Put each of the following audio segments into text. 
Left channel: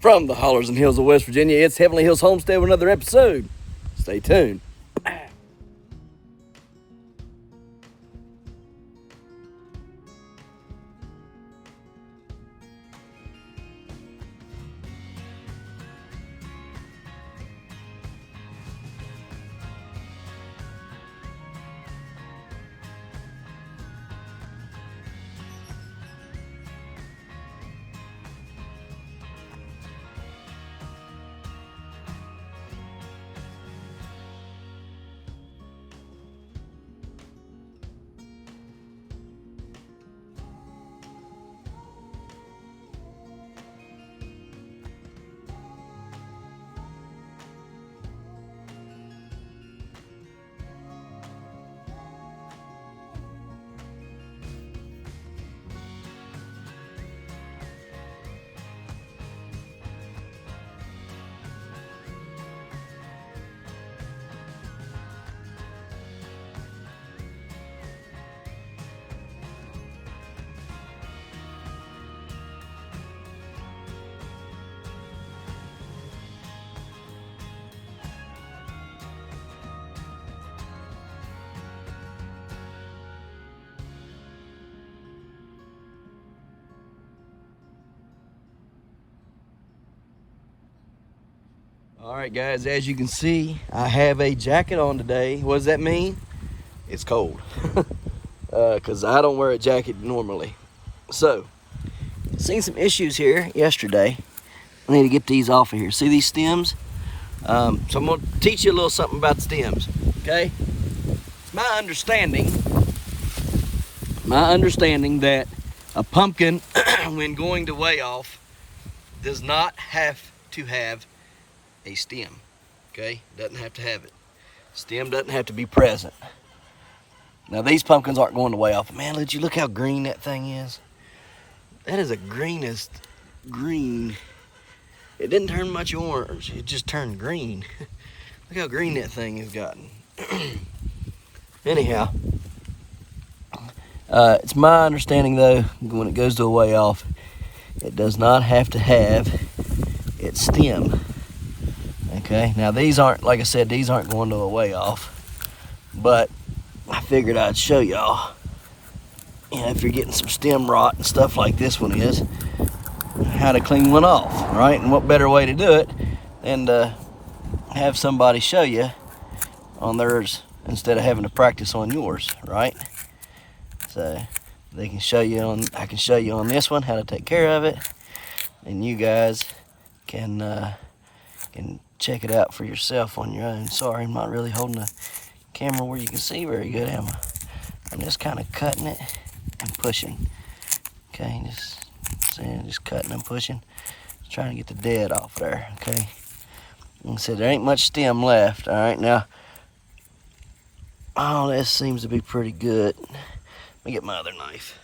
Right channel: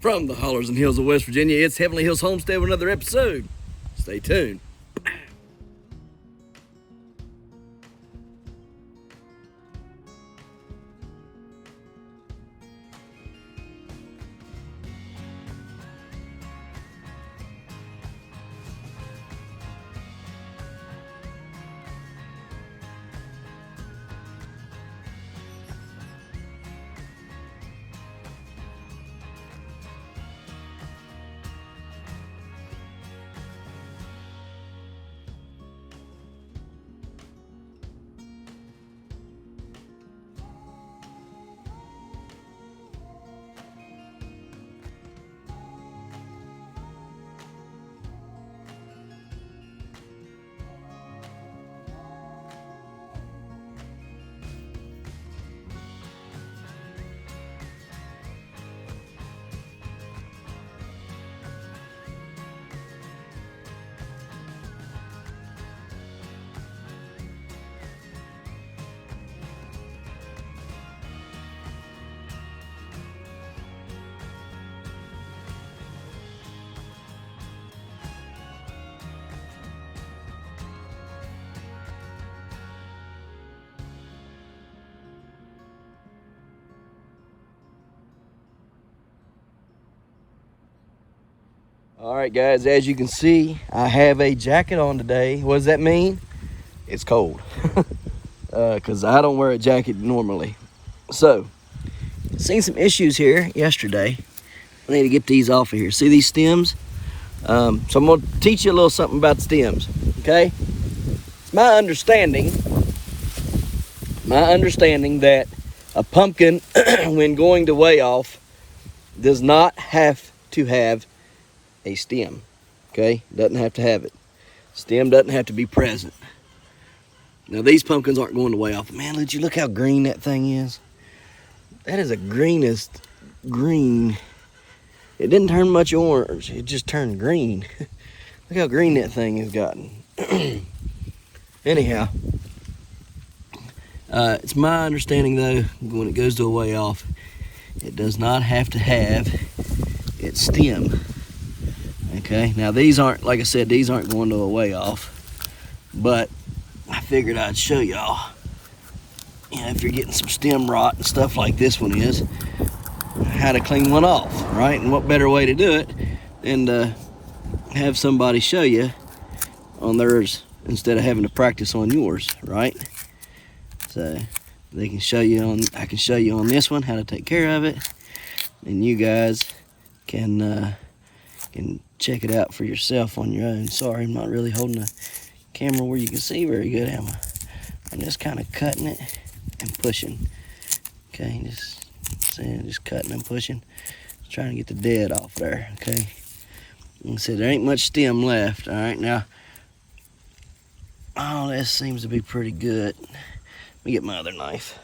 From the hollers and hills of West Virginia, it's Heavenly Hills Homestead with another episode. Stay tuned. All right, guys, as you can see, I have a jacket on today. What does that mean? It's cold, because I don't wear a jacket normally. So, seen some issues here yesterday. I need to get these off of here. See these stems? So I'm gonna teach you a little something about the stems, okay? It's my understanding that a pumpkin, when going to weigh off, does not have to have a stem, okay? Doesn't have to have it. Stem doesn't have to be present. Now these pumpkins aren't going to weigh off. Man, did you look how green that thing is? That is the greenest green. It didn't turn much orange, it just turned green. Look how green that thing has gotten. Anyhow, it's my understanding though, when it goes to a weigh off, it does not have to have its stem. Okay, now these aren't, like I said, these aren't going to a weigh off, but I figured I'd show y'all, you know, if you're getting some stem rot and stuff like this one is, how to clean one off, right? And what better way to do it than to have somebody show you on theirs instead of having to practice on yours, right? So they can show you on, I can show you on this one how to take care of it, and you guys can check it out for yourself on your own. Sorry, I'm not really holding the camera where you can see very good, am I? I'm just kind of cutting it and pushing. Okay, just cutting and pushing. Trying to get the dead off there, okay? Like I said, there ain't much stem left, all right? Now, oh, that seems to be pretty good. Let me get my other knife.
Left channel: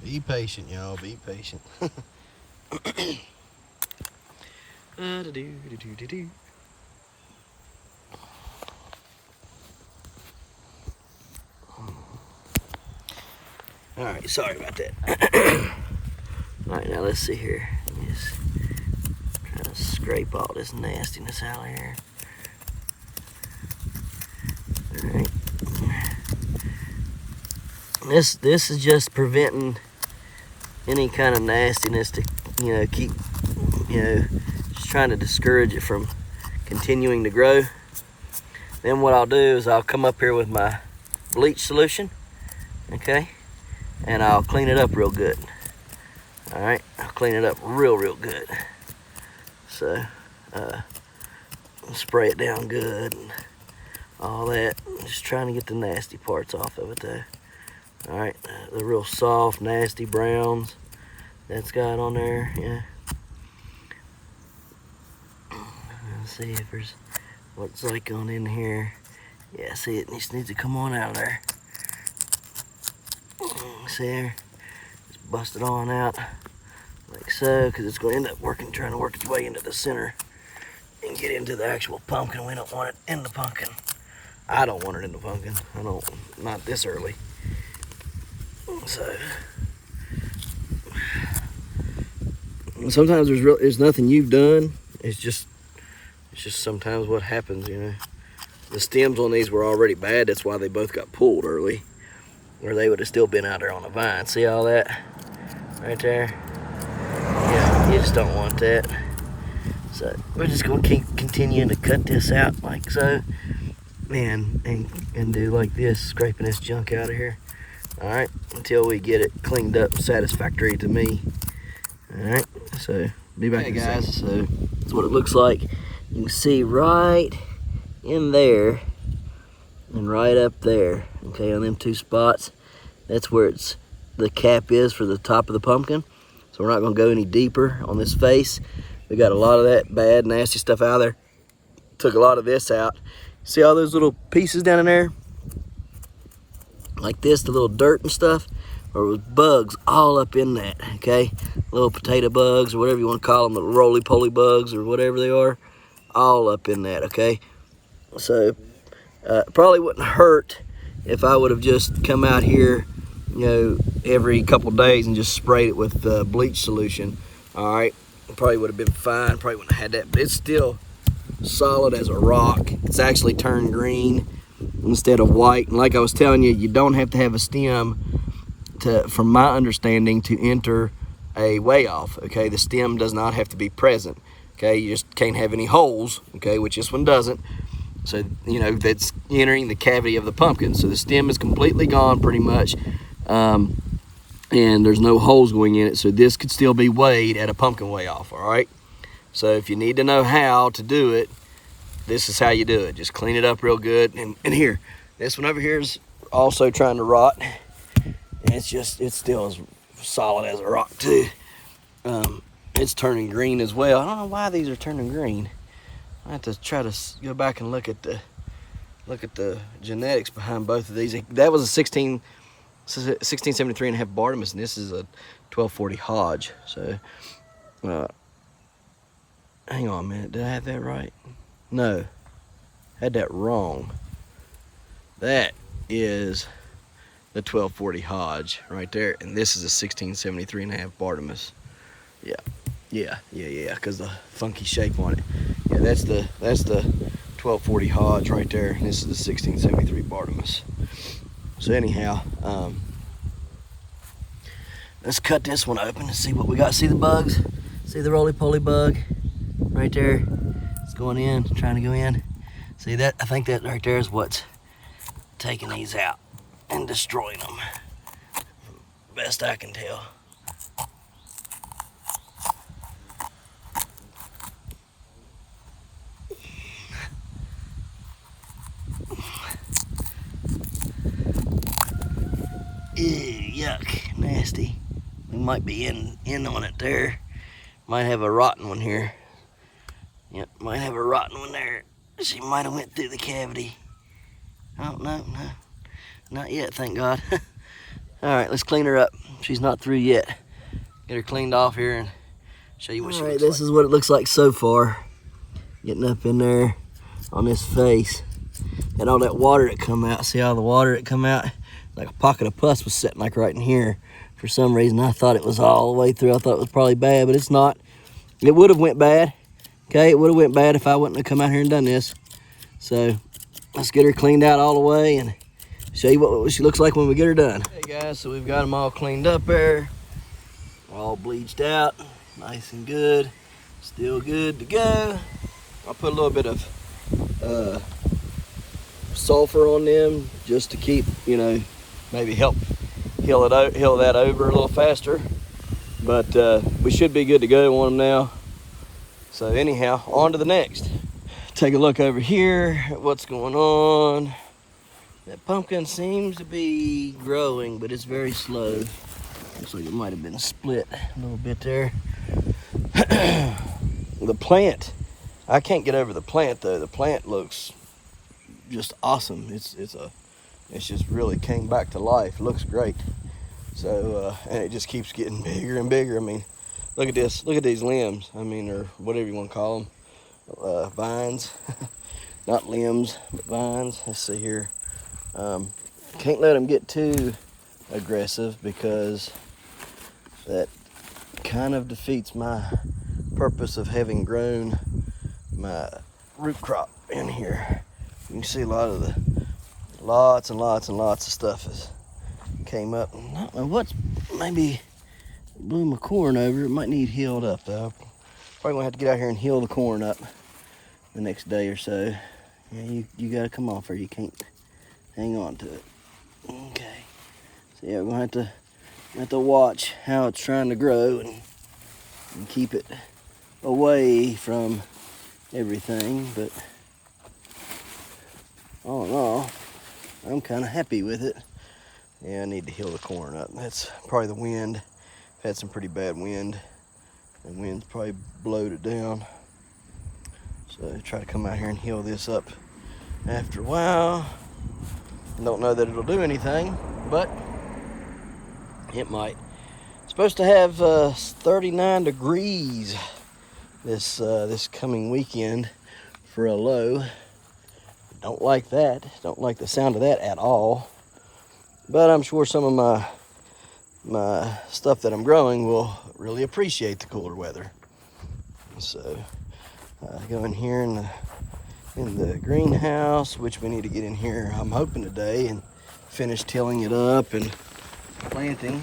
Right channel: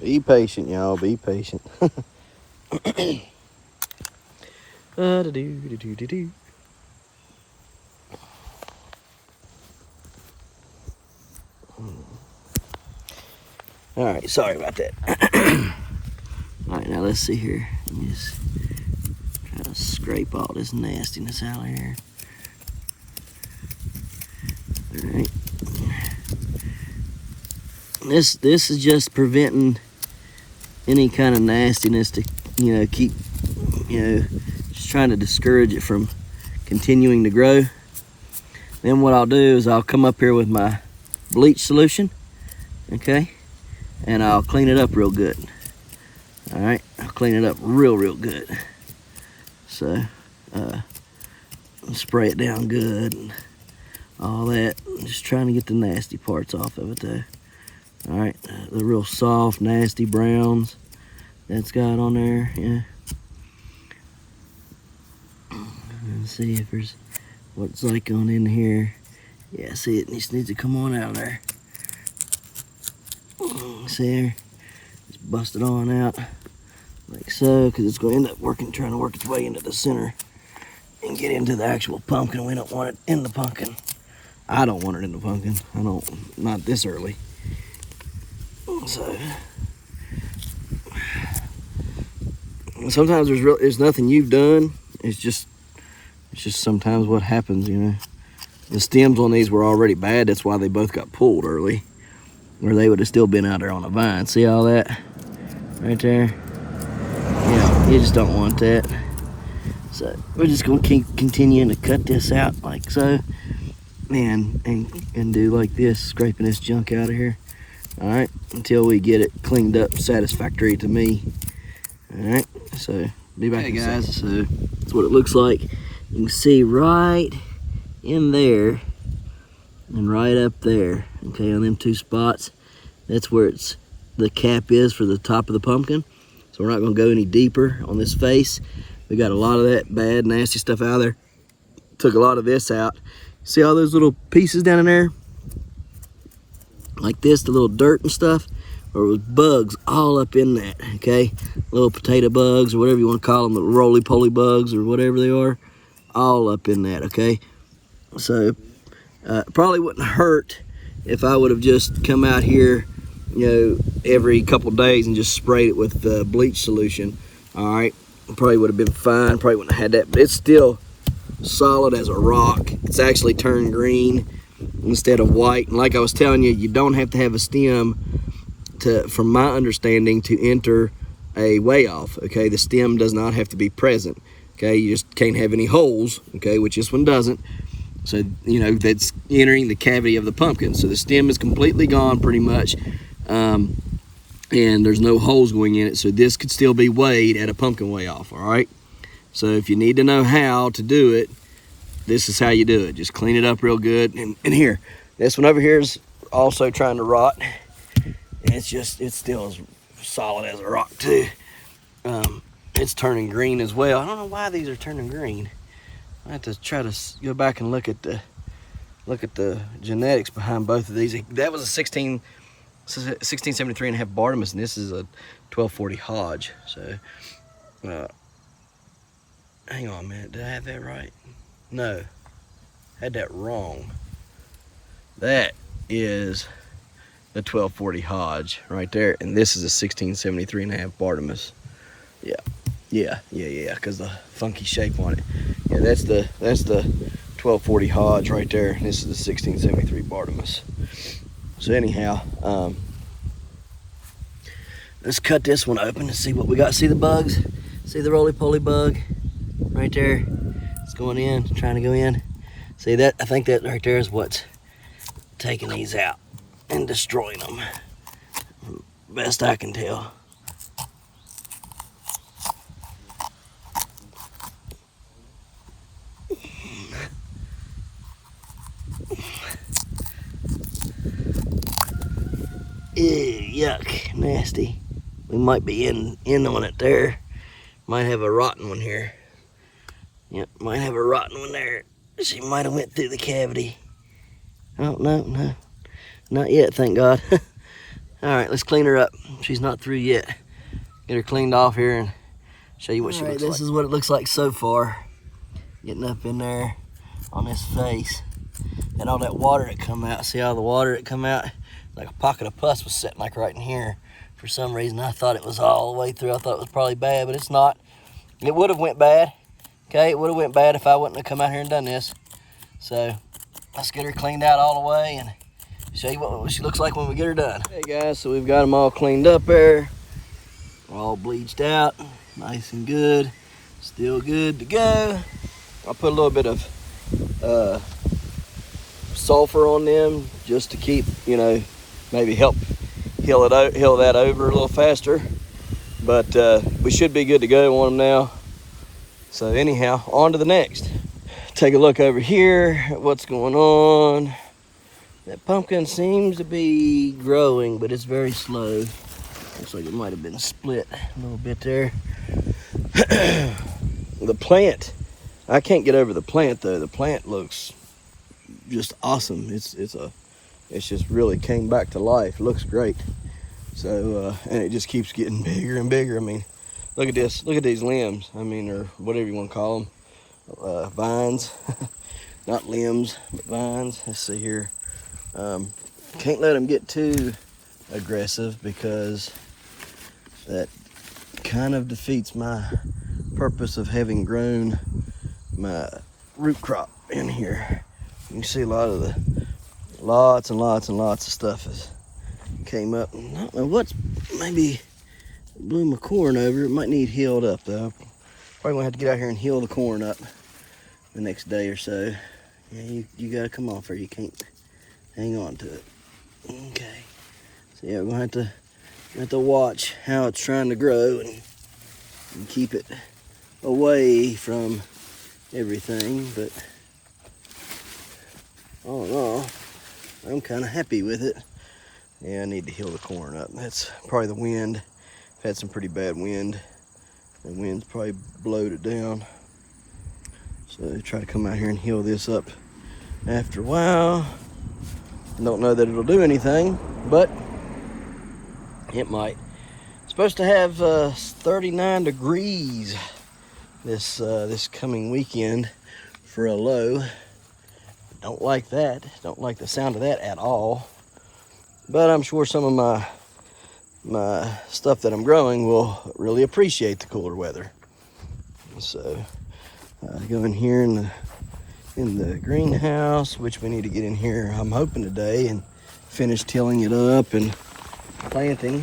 Be patient, y'all. Be patient. All right, sorry about that. All right, now let's see here. Just trying to scrape all this nastiness out of here. All right. This is just preventing any kind of nastiness to, you know, keep, you know, just trying to discourage it from continuing to grow. Then what I'll do is I'll come up here with my bleach solution, okay, and I'll clean it up real good. All right, I'll clean it up real good. So spray it down good and all that. Just trying to get the nasty parts off of it though. All right, the real soft, nasty browns that's got on there, yeah. Let's see if there's what's like on in here. Yeah, see, it just needs to come on out of there. See here, just bust it on out like so, because it's going to end up trying to work its way into the center and get into the actual pumpkin. We don't want it in the pumpkin. I don't want it in the pumpkin. Not this early. So sometimes there's nothing you've done. It's just sometimes what happens, you know. The stems on these were already bad. That's why they both got pulled early, or they would have still been out there on the vine. See all that right there? Yeah, you just don't want that. So we're just gonna keep continuing to cut this out like so, and do like this, scraping this junk out of here. All right, until we get it cleaned up satisfactory to me. All right, so be back. Hey guys, so that's what it looks like. You can see right in there and right up there, okay, on them two spots, that's where the cap is for the top of the pumpkin. So we're not gonna go any deeper on this face. We got a lot of that bad, nasty stuff out of there. Took a lot of this out. See all those little pieces down in there? Like this, the little dirt and stuff, or it was bugs all up in that, okay? Little potato bugs, or whatever you want to call them, little roly-poly bugs, or whatever they are, all up in that, okay? So probably wouldn't hurt if I would have just come out here, you know, every couple days and just sprayed it with bleach solution. All right, probably would have been fine. Probably wouldn't have had that, but it's still solid as a rock. It's actually turned green instead of white. And like I was telling you, you don't have to have a stem from my understanding, to enter a weigh off. Okay, the stem does not have to be present. Okay, you just can't have any holes. Okay, which this one doesn't. So, you know, that's entering the cavity of the pumpkin. So the stem is completely gone pretty much. And there's no holes going in it. So this could still be weighed at a pumpkin weigh off, all right? So if you need to know how to do it, this is how you do it. Just clean it up real good. And here, this one over here is also trying to rot. And it's still as solid as a rock too. It's turning green as well. I don't know why these are turning green. I have to try to go back and look at the genetics behind both of these. That was a 1673 and a half Bartimus, and this is a 1240 Hodge. So, hang on a minute. Did I have that right? No, had that wrong. That is the 1240 Hodge right there, and this is a 1673 and a half Bartimus. Yeah, because the funky shape on it. Yeah, that's the 1240 Hodge right there, and this is the 1673 Bartimus. So anyhow, let's cut this one open and see what we got. See the bugs? See the roly-poly bug right there? It's going in, trying to go in. See that? I think that right there is what's taking these out and destroying them. Best I can tell. Ew, yuck, nasty. We might be in on it there. Might have a rotten one here. Yep, might have a rotten one there. She might have went through the cavity. Oh, no, not yet, thank God. All right, let's clean her up. She's not through yet. Get her cleaned off here and show you what she looks like. This is what it looks like so far. Getting up in there on this face. Had all that water that come out. See all the water that come out? Like a pocket of pus was sitting like right in here. For some reason, I thought it was all the way through. I thought it was probably bad, but it's not. It would have went bad. Okay, it would have went bad if I wouldn't have come out here and done this. So let's get her cleaned out all the way and show you what she looks like when we get her done. Hey guys, so we've got them all cleaned up there. All bleached out, nice and good. Still good to go. I'll put a little bit of sulfur on them just to keep, you know, maybe help heal that over a little faster. But we should be good to go on them now. So anyhow, on to the next. Take a look over here at what's going on. That pumpkin seems to be growing, but it's very slow. Looks like it might have been split a little bit there. The plant, I can't get over the plant though. The plant looks just awesome. It's just really came back to life. Looks great. So, and it just keeps getting bigger and bigger. I mean, look at this. Look at these limbs. I mean, or whatever you want to call them. Vines. Not limbs, but vines. Let's see here. Can't let them get too aggressive because that kind of defeats my purpose of having grown my root crop in here. You can see lots and lots of stuff has came up. I don't know what's maybe blew my corn over. It might need healed up though. Probably gonna have to get out here and heal the corn up the next day or so. Yeah, you gotta come off or you can't hang on to it. Okay. So yeah, we're gonna have to watch how it's trying to grow and keep it away from everything, but all in all, I'm kind of happy with it. Yeah, I need to heal the corn up. That's probably the wind. I've had some pretty bad wind. The wind's probably blowed it down. So try to come out here and heal this up after a while. I don't know that it'll do anything, but it might. It's supposed to have 39 degrees this coming weekend for a low. Don't like that. Don't like the sound of that at all. But I'm sure some of my stuff that I'm growing will really appreciate the cooler weather. So go in here in the greenhouse, which we need to get in here, I'm hoping today, and finish tilling it up and planting.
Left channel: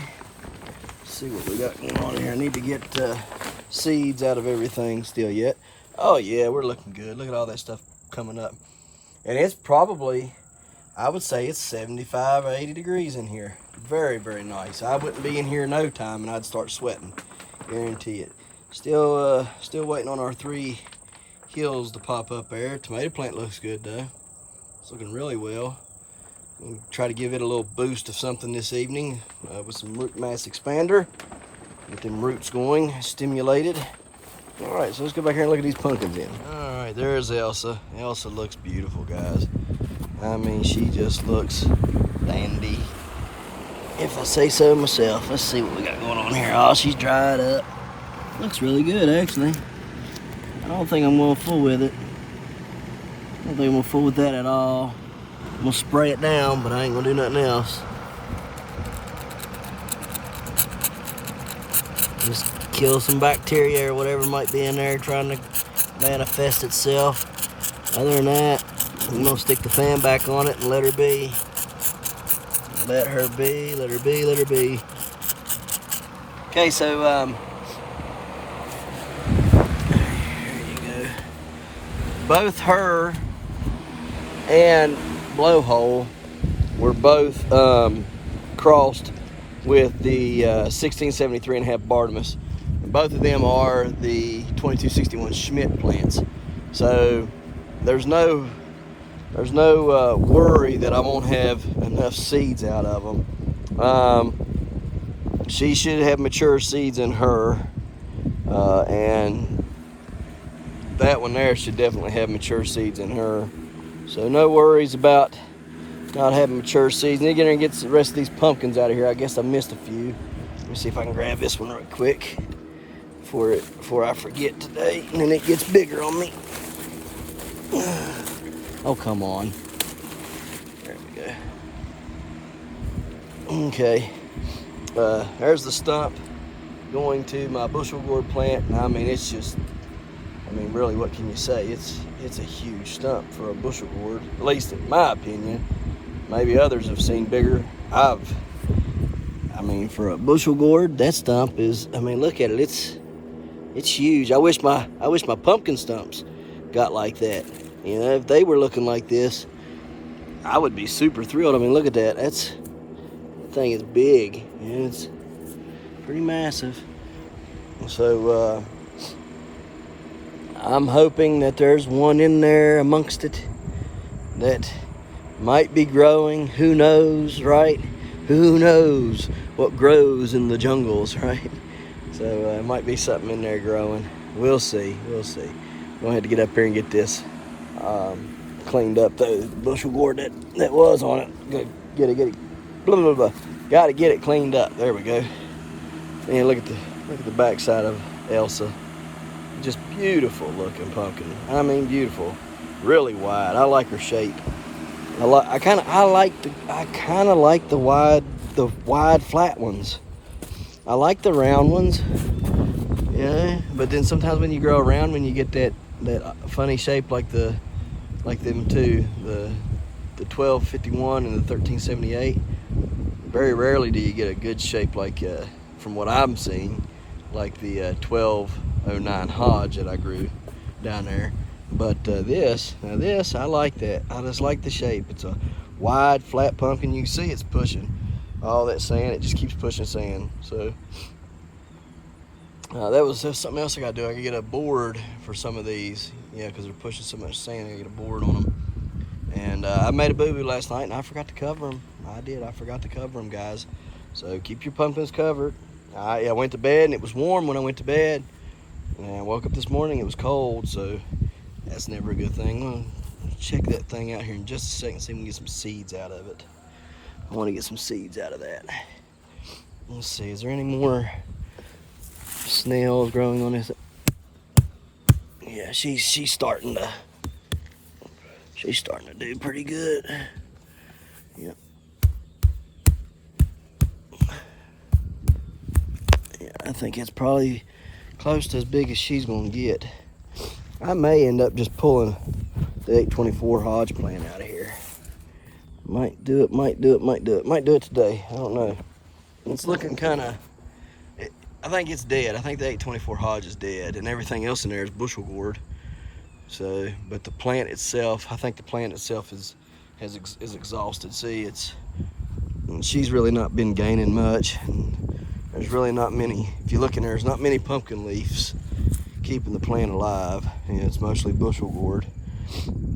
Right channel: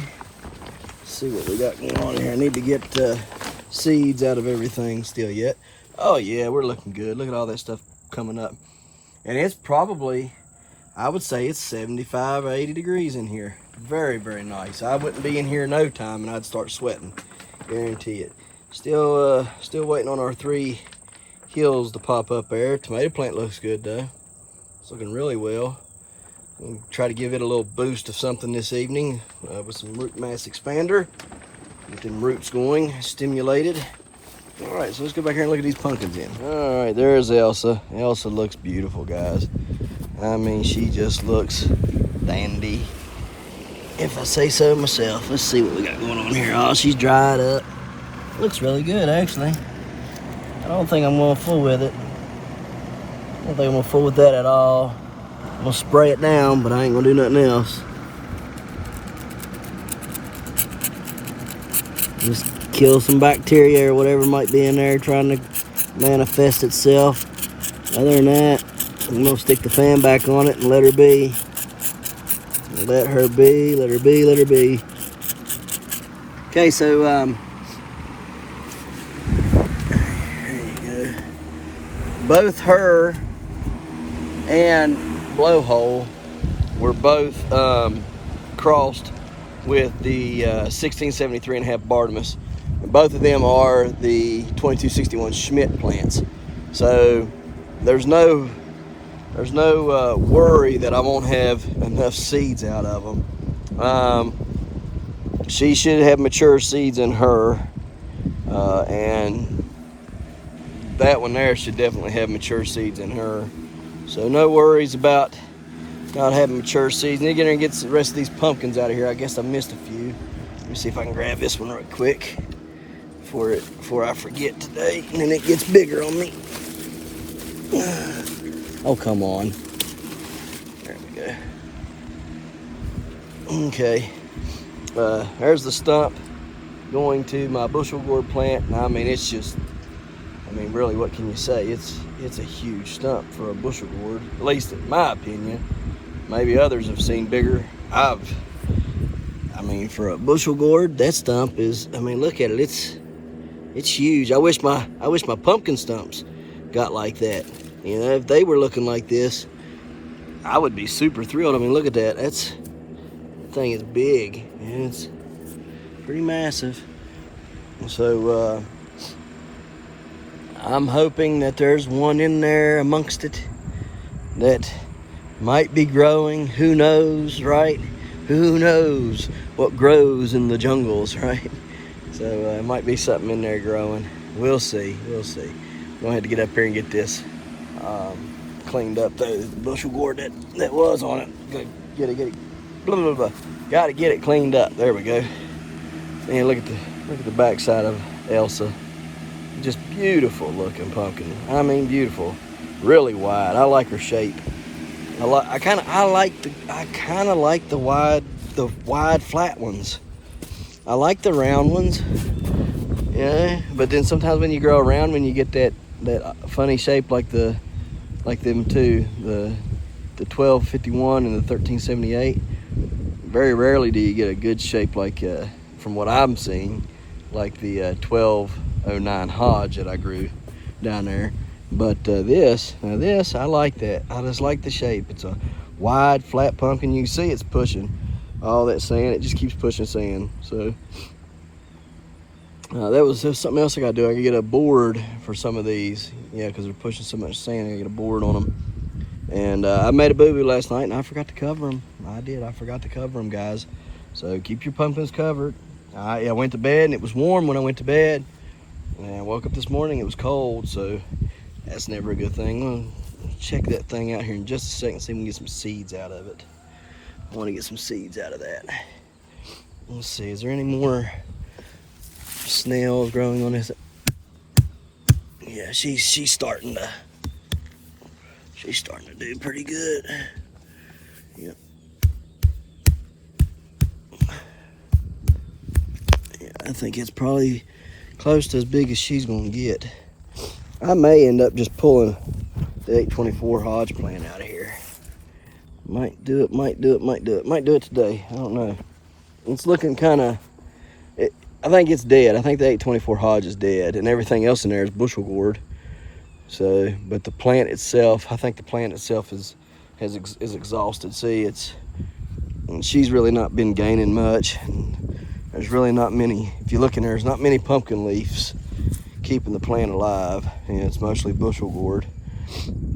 Let's see what we got going on here. I need to get seeds out of everything still yet. Oh yeah, we're looking good. Look at all that stuff coming up. And it's probably, I would say it's 75 or 80 degrees in here. Very, very nice. I wouldn't be in here no time and I'd start sweating. Guarantee it. Still waiting on our 3 hills to pop up there. Tomato plant looks good though. It's looking really well. We'll try to give it a little boost of something this evening with some root mass expander. Get them roots going, stimulated. All right, so let's go back here and look at these pumpkins in. All right, there's Elsa. Elsa looks beautiful, guys. I mean, she just looks dandy, if I say so myself. Let's see what we got going on here. Oh, she's dried up. Looks really good, actually. I don't think I'm gonna fool with it. I don't think I'm gonna fool with that at all. I'm gonna spray it down, but I ain't gonna do nothing else. Just kill some bacteria or whatever might be in there trying to manifest itself. Other than that, I'm gonna stick the fan back on it and let her be. Let her be, let her be, let her be. Okay, so both her and Blowhole were both crossed with the 1673.5 Bartimus. And both of them are the 2261 Schmidt plants. So there's no worry that I won't have enough seeds out of them. She should have mature seeds in her, and that one there should definitely have mature seeds in her. So no worries about not having mature seeds. Need to get in and get the rest of these pumpkins out of here. I guess I missed a few. Let me see if I can grab this one real quick before I forget today, and then it gets bigger on me. Oh, come on. There we go. Okay. There's the stump going to my bushel gourd plant. And I mean, it's just, I mean, really, what can you say? It's a huge stump for a bushel gourd, at least in my opinion. Maybe others have seen bigger. I mean, for a bushel gourd, that stump is, I mean, look at it. It's huge. I wish my pumpkin stumps got like that. You know, if they were looking like this, I would be super thrilled. I mean, look at that. That thing is big, and it's pretty massive. So I'm hoping that there's one in there amongst it that might be growing. Who knows, right? Who knows what grows in the jungles, right? So it might be something in there growing. We'll see. We'll see. I'm gonna have to get up here and get this cleaned up though. The bushel gourd that was on it. Get it blah, blah, blah. Got to get it cleaned up. There we go. And look at the backside of Elsa. Just beautiful looking pumpkin. I mean, beautiful. Really wide. I like her shape. I kind of like the wide flat ones. I like the round ones. Yeah, but then sometimes when you grow around, when you get that funny shape like them two, the 1251 and the 1378, very rarely do you get a good shape like, from what I'm seeing, like the 1209 Hodge that I grew down there. But this, I like that. I just like the shape. It's a wide, flat pumpkin. You can see it's pushing all that sand. It just keeps pushing sand. So that's something else I gotta do. I gotta get a board for some of these. Yeah, because they're pushing so much sand. I gotta get a board on them. And I made a boo-boo last night, and I forgot to cover them. I did. I forgot to cover them, guys. So keep your pumpkins covered. I went to bed, and it was warm when I went to bed. And I woke up this morning, it was cold, so that's never a good thing. I'm gonna check that thing out here in just a second, see if we can get some seeds out of it. I want to get some seeds out of that. Let's see, is there any more snails growing on this? Yeah, she's starting to do pretty good. Yep. Yeah, I think it's probably close to as big as she's gonna get. I may end up just pulling the 824 Hodge plant out of here. Might do it today. I don't know. It's looking kind of, I think it's dead. I think the 824 Hodge is dead, and everything else in there is bushel gourd. So, but the plant itself, I think the plant itself is exhausted. See, she's really not been gaining much. And there's really not many, if you look in there, there's not many pumpkin leaves keeping the plant alive. And it's mostly bushel gourd.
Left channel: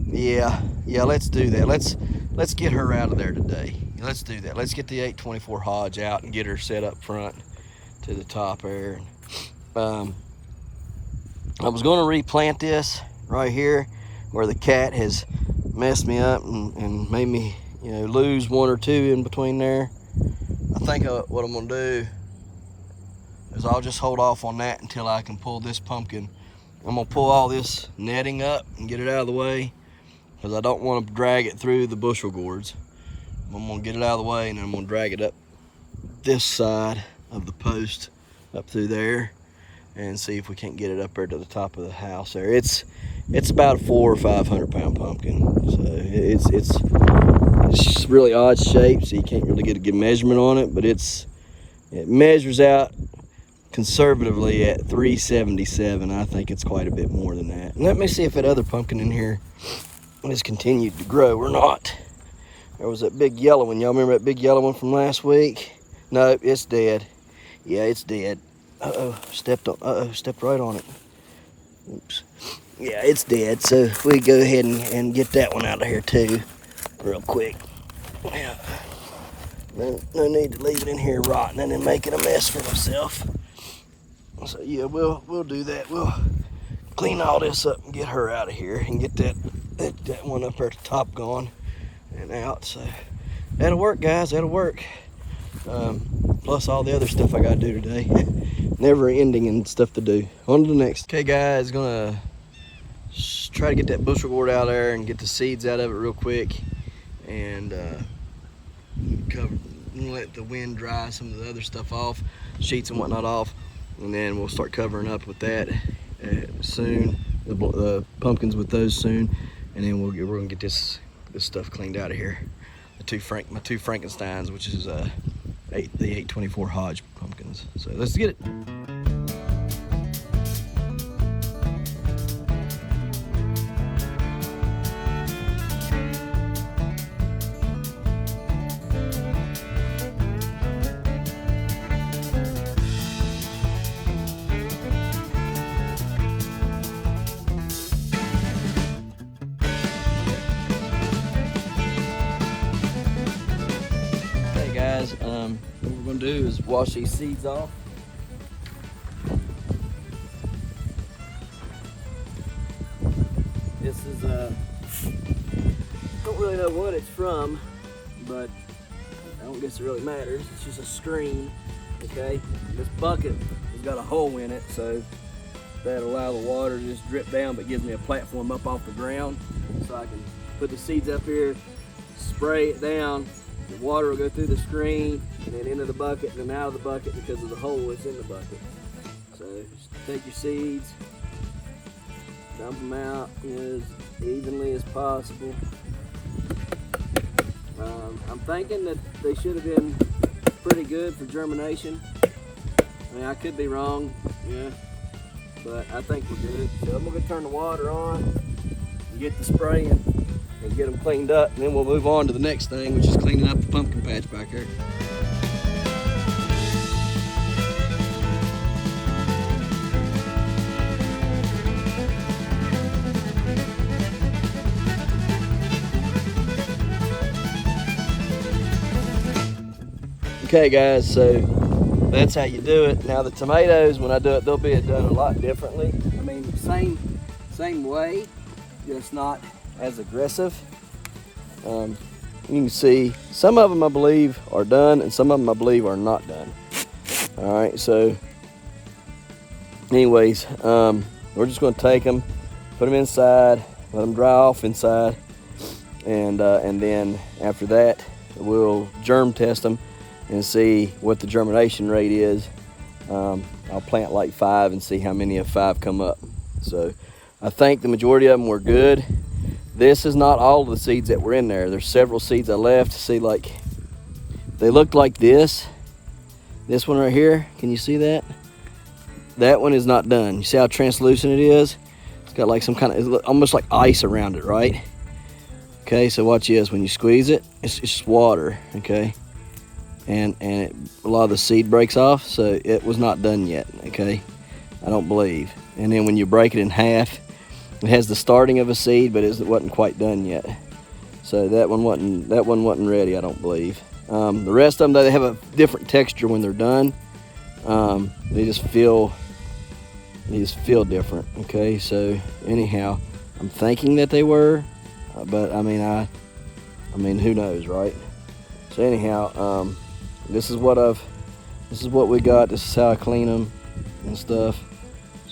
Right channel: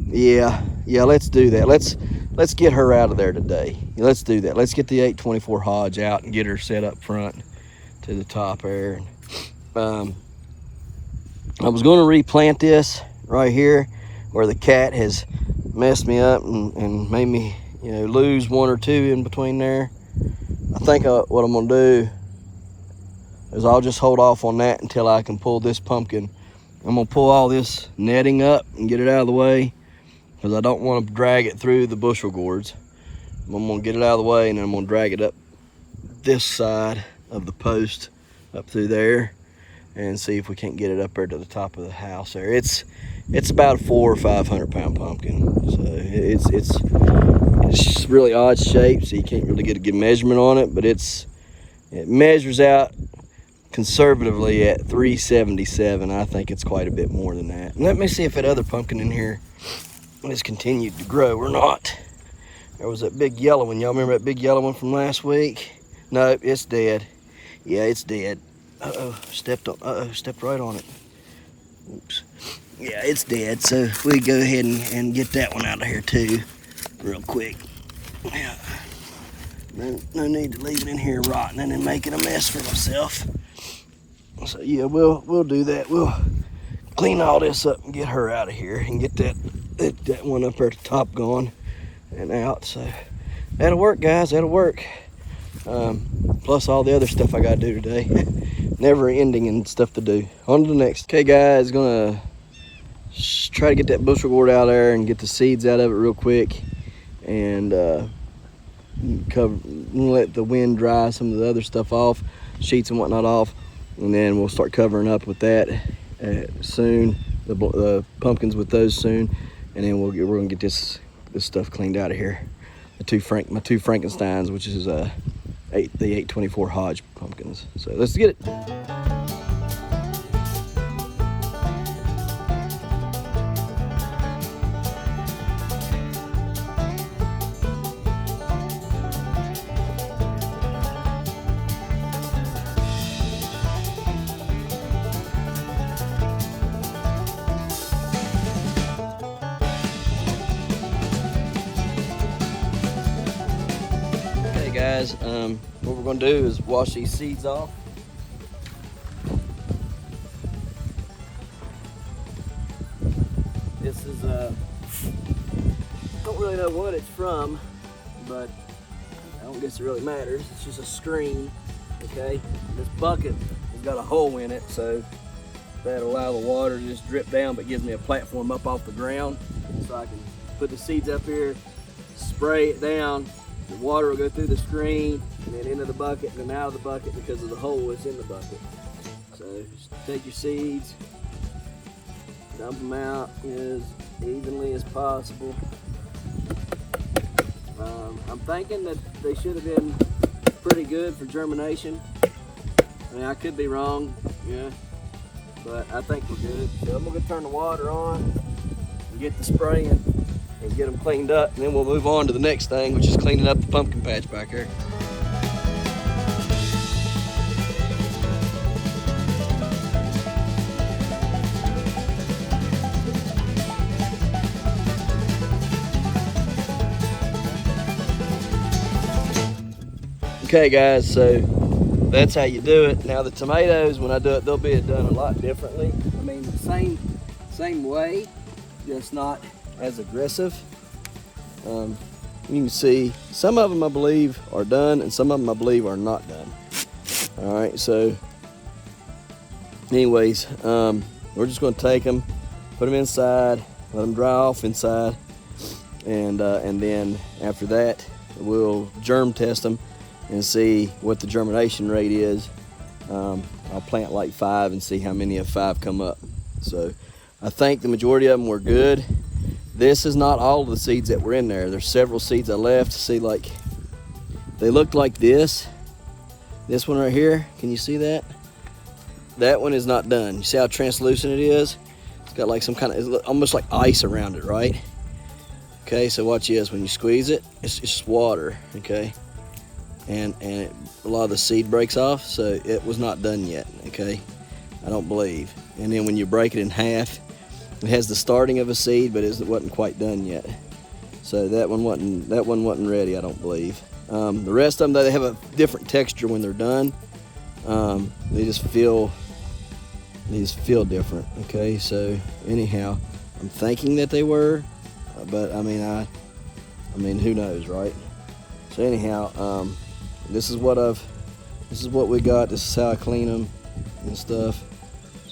Yeah, let's do that. Let's get her out of there today. Let's do that. Let's get the 824 Hodge out and get her set up front to the top there. I was going to replant this right here where the cat has messed me up and made me, lose one or two in between there. I think what I'm gonna do is I'll just hold off on that until I can pull this pumpkin. I'm gonna pull all this netting up and get it out of the way because I don't want to drag it through the bushel gourds. I'm gonna get it out of the way and then I'm gonna drag it up this side of the post up through there and see if we can't get it up there to the top of the house there. It's about a 400 or 500 pound pumpkin. So it's really odd shape, so you can't really get a good measurement on it, but it measures out conservatively at 377. I think it's quite a bit more than that. Let me see if that other pumpkin in here has continued to grow or not. There was that big yellow one. Y'all remember that big yellow one from last week? No, it's dead. Yeah, it's dead. Stepped right on it. Oops. Yeah, it's dead. So we go ahead and get that one out of here too, real quick. Yeah. No need to leave it in here rotting and then making a mess for myself. So yeah, we'll do that. We'll clean all this up and get her out of here and get that one up there at the top gone and out. So that'll work, guys. That'll work. Plus all the other stuff I gotta do today. Never ending and stuff to do. On to the next. Okay, guys, gonna try to get that bushel gourd out there and get the seeds out of it real quick, and let the wind dry some of the other stuff off, sheets and whatnot off, and then we'll start covering up with that soon. The pumpkins with those soon, and then we're gonna get this stuff cleaned out of here. My two Frankensteins, which is the 824 Hodge pumpkins. So let's get it. Guys, what we're going to do is wash these seeds off. This is don't really know what it's from, but don't guess it really matters. It's just a screen, okay? This bucket has got a hole in it, so that allow the water to just drip down, but gives me a platform up off the ground, so I can put the seeds up here, spray it down, the water will go through the screen, and then into the bucket, and then out of the bucket because of the hole that's in the bucket. So just take your seeds, dump them out as evenly as possible. I'm thinking that they should have been pretty good for germination. I mean, I could be wrong, yeah, but I think we're good. So I'm gonna turn the water on and get the spraying and get them cleaned up, and then we'll move on to the next thing, which is cleaning up the pumpkin patch back here. Okay guys, so that's how you do it. Now the tomatoes, when I do it, they'll be done a lot differently. I mean, same way, just not as aggressive. You can see some of them I believe are done and some of them I believe are not done. All right, so anyways, we're just gonna take them, put them inside, let them dry off inside, and then after that, we'll germ test them and see what the germination rate is. I'll plant like 5 and see how many of 5 come up. So I think the majority of them were good. This is not all of the seeds that were in there. There's several seeds I left. See, like, they looked like this. This one right here, can you see that? That one is not done. You see how translucent it is? It's got like some kind of, it's almost like ice around it, right? Okay, so watch this. When you squeeze it, it's just water, okay? And a lot of the seed breaks off, so it was not done yet, okay? I don't believe. And then when you break it in half, it has the starting of a seed, but it wasn't quite done yet. So that one wasn't ready, I don't believe. The rest of them, they have a different texture when they're done. They just feel different, okay? So anyhow, I'm thinking that they were, but I mean, who knows, right? So anyhow, this is what we got. This is how I clean them and stuff.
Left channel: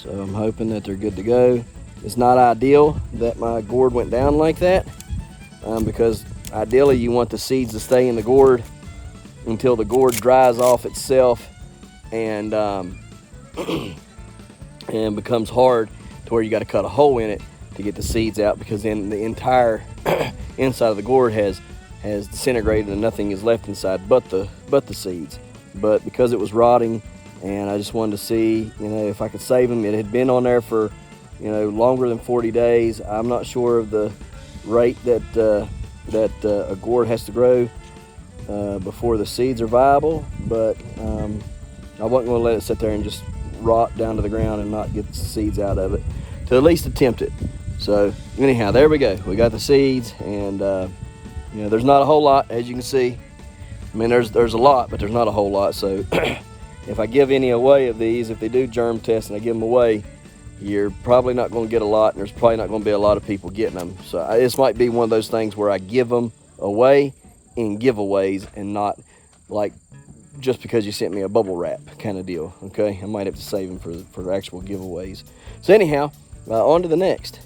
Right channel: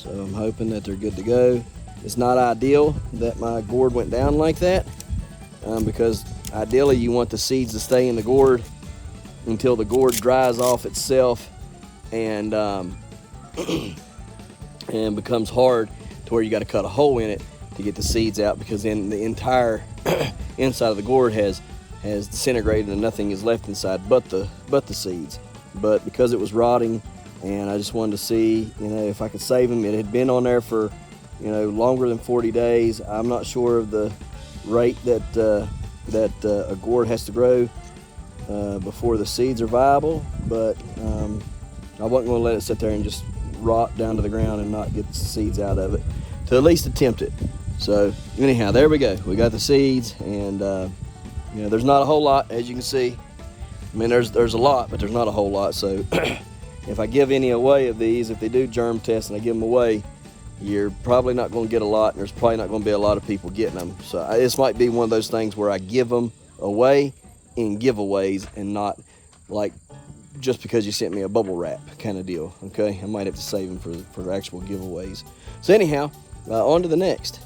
So I'm hoping that they're good to go. It's not ideal that my gourd went down like that, because ideally you want the seeds to stay in the gourd until the gourd dries off itself and and becomes hard to where you got to cut a hole in it to get the seeds out, because then the entire inside of the gourd has disintegrated and nothing is left inside but the seeds. But because it was rotting, and I just wanted to see, you know, if I could save them. It had been on there for, you know, longer than 40 days. I'm not sure of the rate that a gourd has to grow before the seeds are viable, but I wasn't going to let it sit there and just rot down to the ground and not get the seeds out of it, to at least attempt it. So anyhow, there we go. We got the seeds, and you know, there's not a whole lot, as you can see. I mean, there's a lot, but there's not a whole lot. So if I give any away of these, if they do germ test and I give them away, you're probably not going to get a lot, and there's probably not going to be a lot of people getting them. So this might be one of those things where I give them away in giveaways, and not like just because you sent me a bubble wrap kind of deal. Okay, I might have to save them for actual giveaways. So anyhow, on to the next.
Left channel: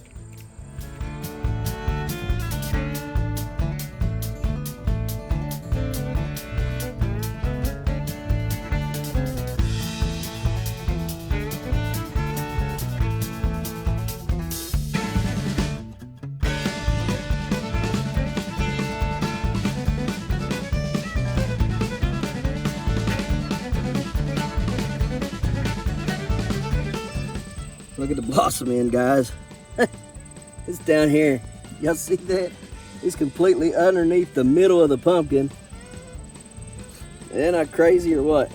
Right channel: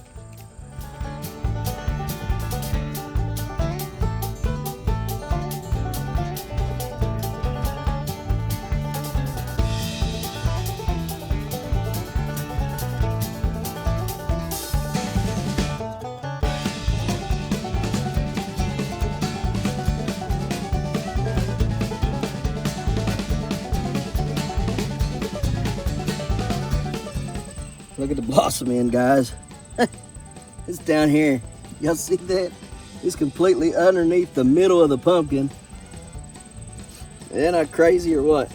Look at the blossom end, guys. It's down here. Y'all see that? It's completely underneath the middle of the pumpkin. Isn't that crazy or what?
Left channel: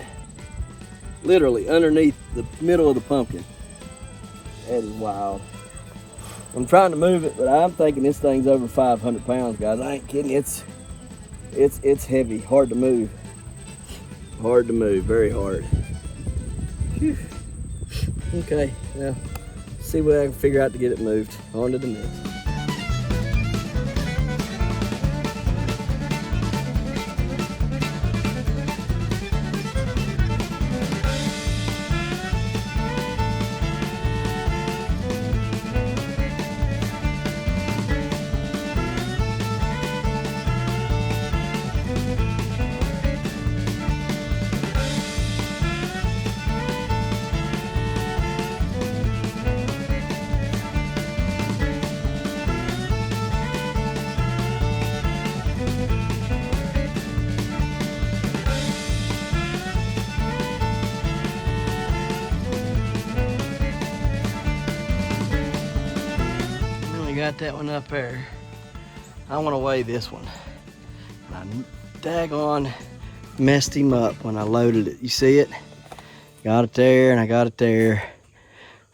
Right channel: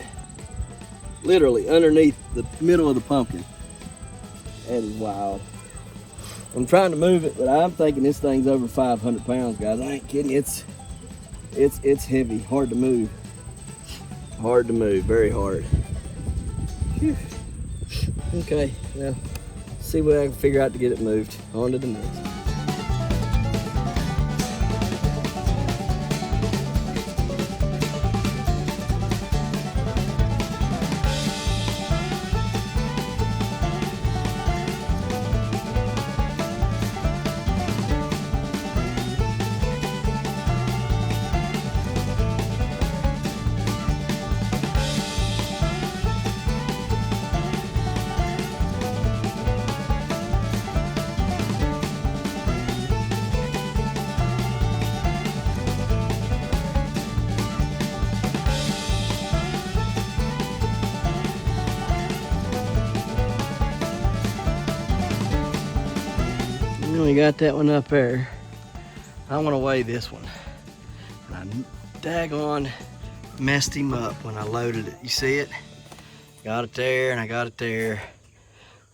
Literally underneath the middle of the pumpkin. That is wild. I'm trying to move it, but I'm thinking this thing's over 500 pounds, guys. I ain't kidding. It's heavy, hard to move. Hard to move, very hard. Whew. Okay, now see what I can figure out to get it moved. On to the next. you got that one up there. I want to weigh this one. I daggone messed him up when I loaded it. You see it? Got it there and I got it there.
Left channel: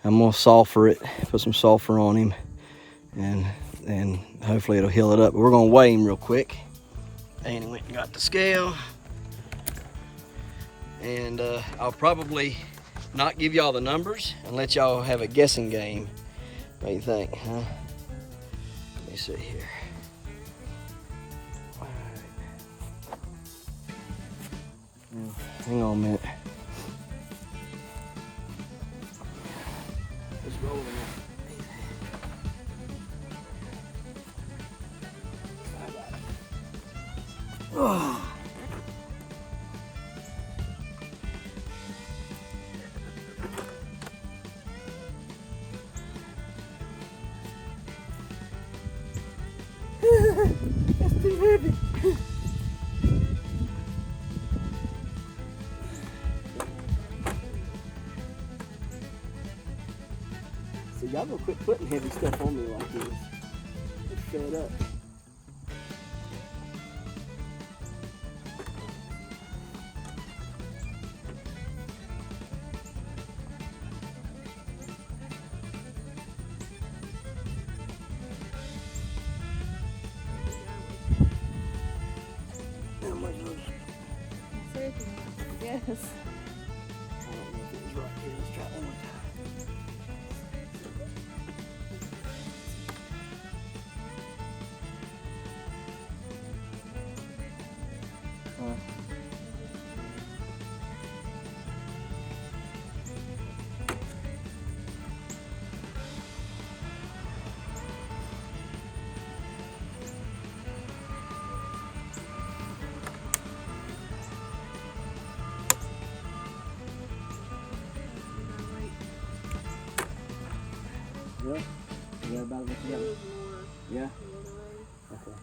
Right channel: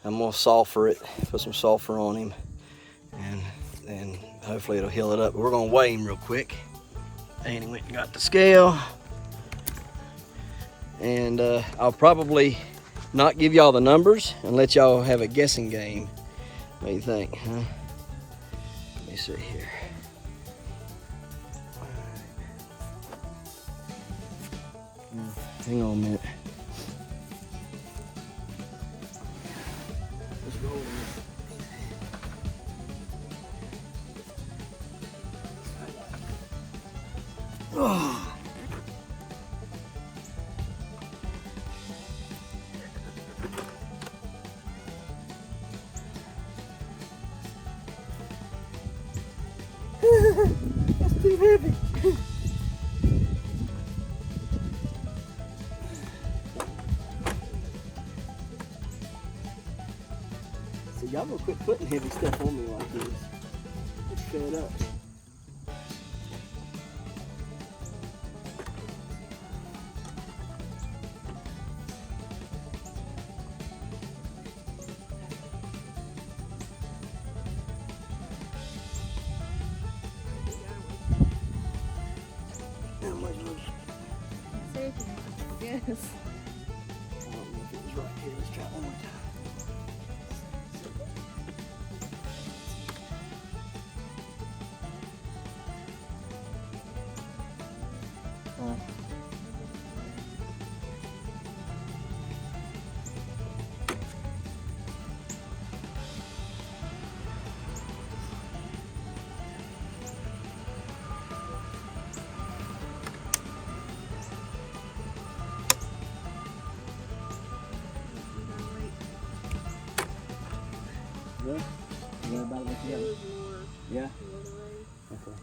I'm gonna sulfur it, put some sulfur on him, and hopefully it'll heal it up. We're gonna weigh him real quick. And he went and got the scale. And I'll probably not give y'all the numbers and let y'all have a guessing game. What do you think, huh? Let me see here. Hang on a minute. Oh. That's too heavy. So y'all gonna quit putting heavy stuff on me like this. Let's fill it up. Yes. I don't know if it was right here. Let's try it one more time. Yeah? You got about what you got? Yeah? The other way. Okay.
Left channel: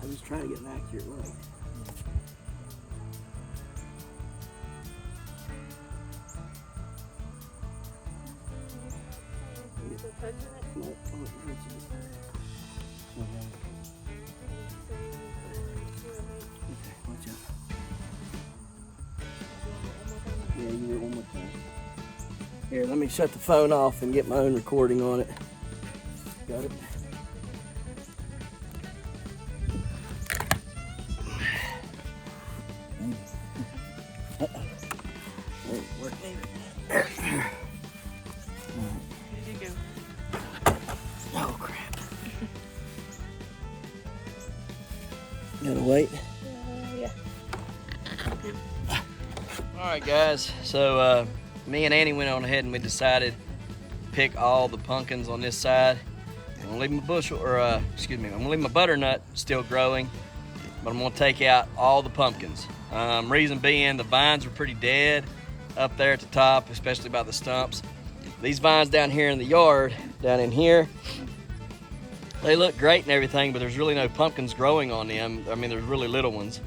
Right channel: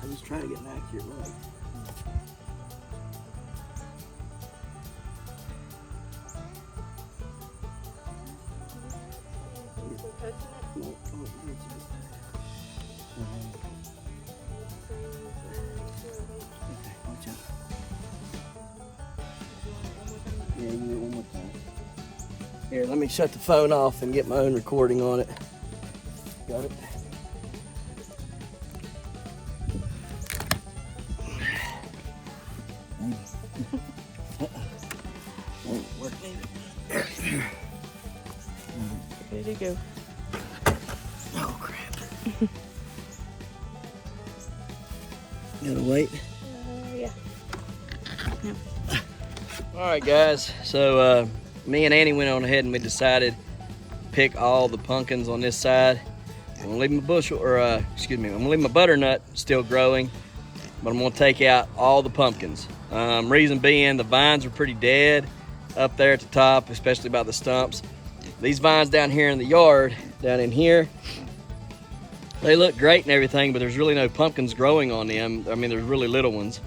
I just try to get an accurate weight. You still touching it? No, oh, it hurts a bit. Okay, watch out. Yeah, you do it one more time. Here, let me shut the phone off and get my own recording on it. Got it? Ready to go. Oh, crap. Gotta wait. All right, guys. So me and Annie went on ahead and we decided to pick all the pumpkins on this side. I'm gonna leave my bushel, or excuse me, I'm gonna leave my butternut still growing, but I'm gonna take out all the pumpkins. Reason being, the vines are pretty dead up there at the top, especially by the stumps. These vines down here in the yard, down in here, they look great and everything, but there's really no pumpkins growing on them. I mean, there's really little ones.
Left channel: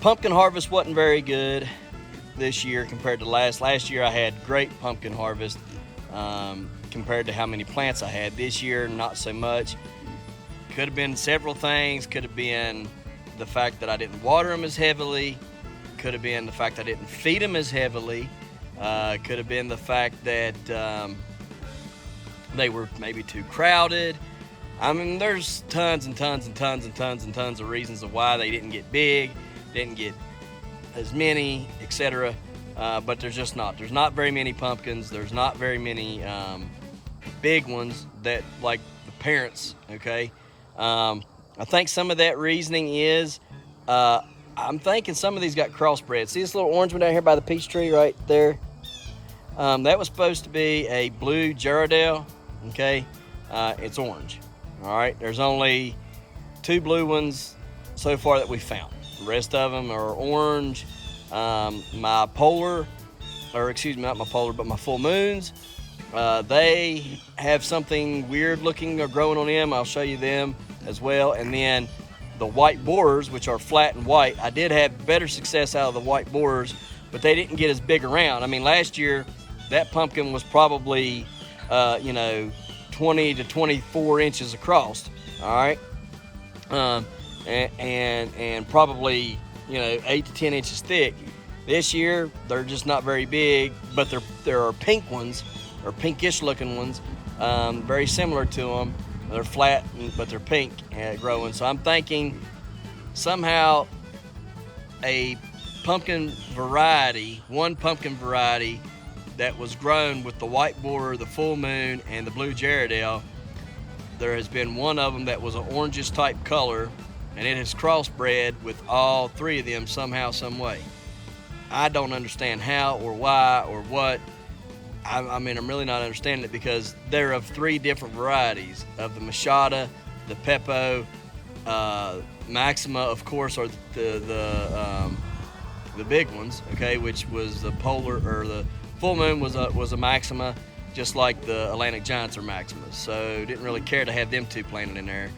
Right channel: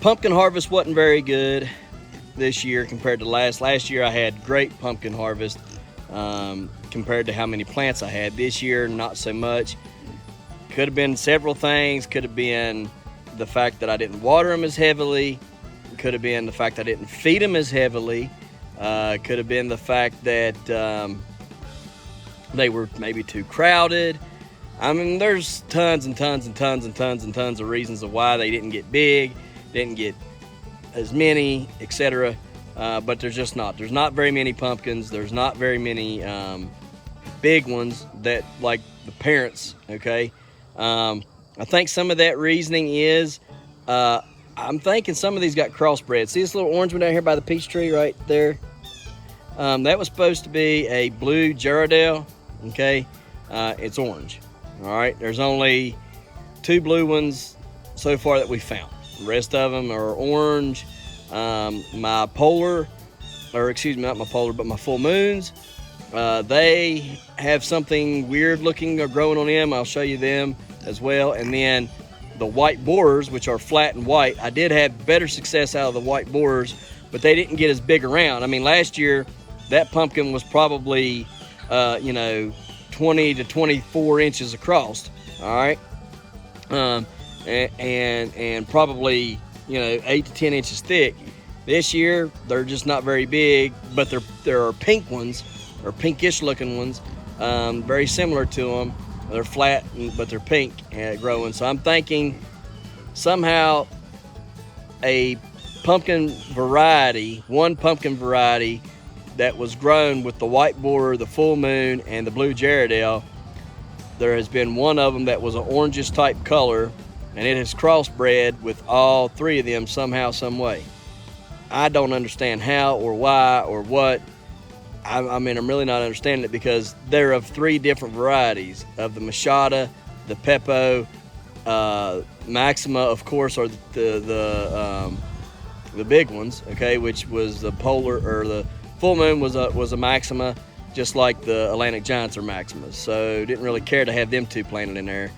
Pumpkin harvest wasn't very good this year compared to last year. I had great pumpkin harvest compared to how many plants I had. This year, not so much. Could have been several things. Could have been the fact that I didn't water them as heavily. Could have been the fact that I didn't feed them as heavily. Could have been the fact that they were maybe too crowded. I mean, there's tons and tons and tons and tons and tons of reasons of why they didn't get big, didn't get as many, etc. But there's just not. There's not very many pumpkins. There's not very many big ones that, like the parents, okay? I think some of that reasoning is, I'm thinking some of these got crossbred. See this little orange one down here by the peach tree right there? That was supposed to be a blue Gerardale, okay? It's orange, all right? There's only 2 blue ones so far that we found. The rest of them are orange. My polar, or excuse me, not my polar, but my full moons, they have something weird looking or growing on them. I'll show you them as well. And then the white borers, which are flat and white, I did have better success out of the white borers but they didn't get as big around. I mean, last year that pumpkin was probably, 20 to 24 inches across. All right, and probably 8 to 10 inches thick. This year they're just not very big, but there are pink ones, or pinkish looking ones, very similar to them. They're flat, but they're pink and growing. So I'm thinking somehow a pumpkin variety, one pumpkin variety that was grown with the white borer, the full moon, and the blue Gerardale. There has been one of them that was an orangish type color, and it has crossbred with all three of them somehow, some way. I don't understand how or why or what. I mean, I'm really not understanding it, because they're of three different varieties of the Machada, the Peppo, Maxima, of course, are the big ones. Okay, which was the Polar, or the Full Moon was a Maxima, just like the Atlantic Giants are Maximas. So didn't really care to have them two planted in there,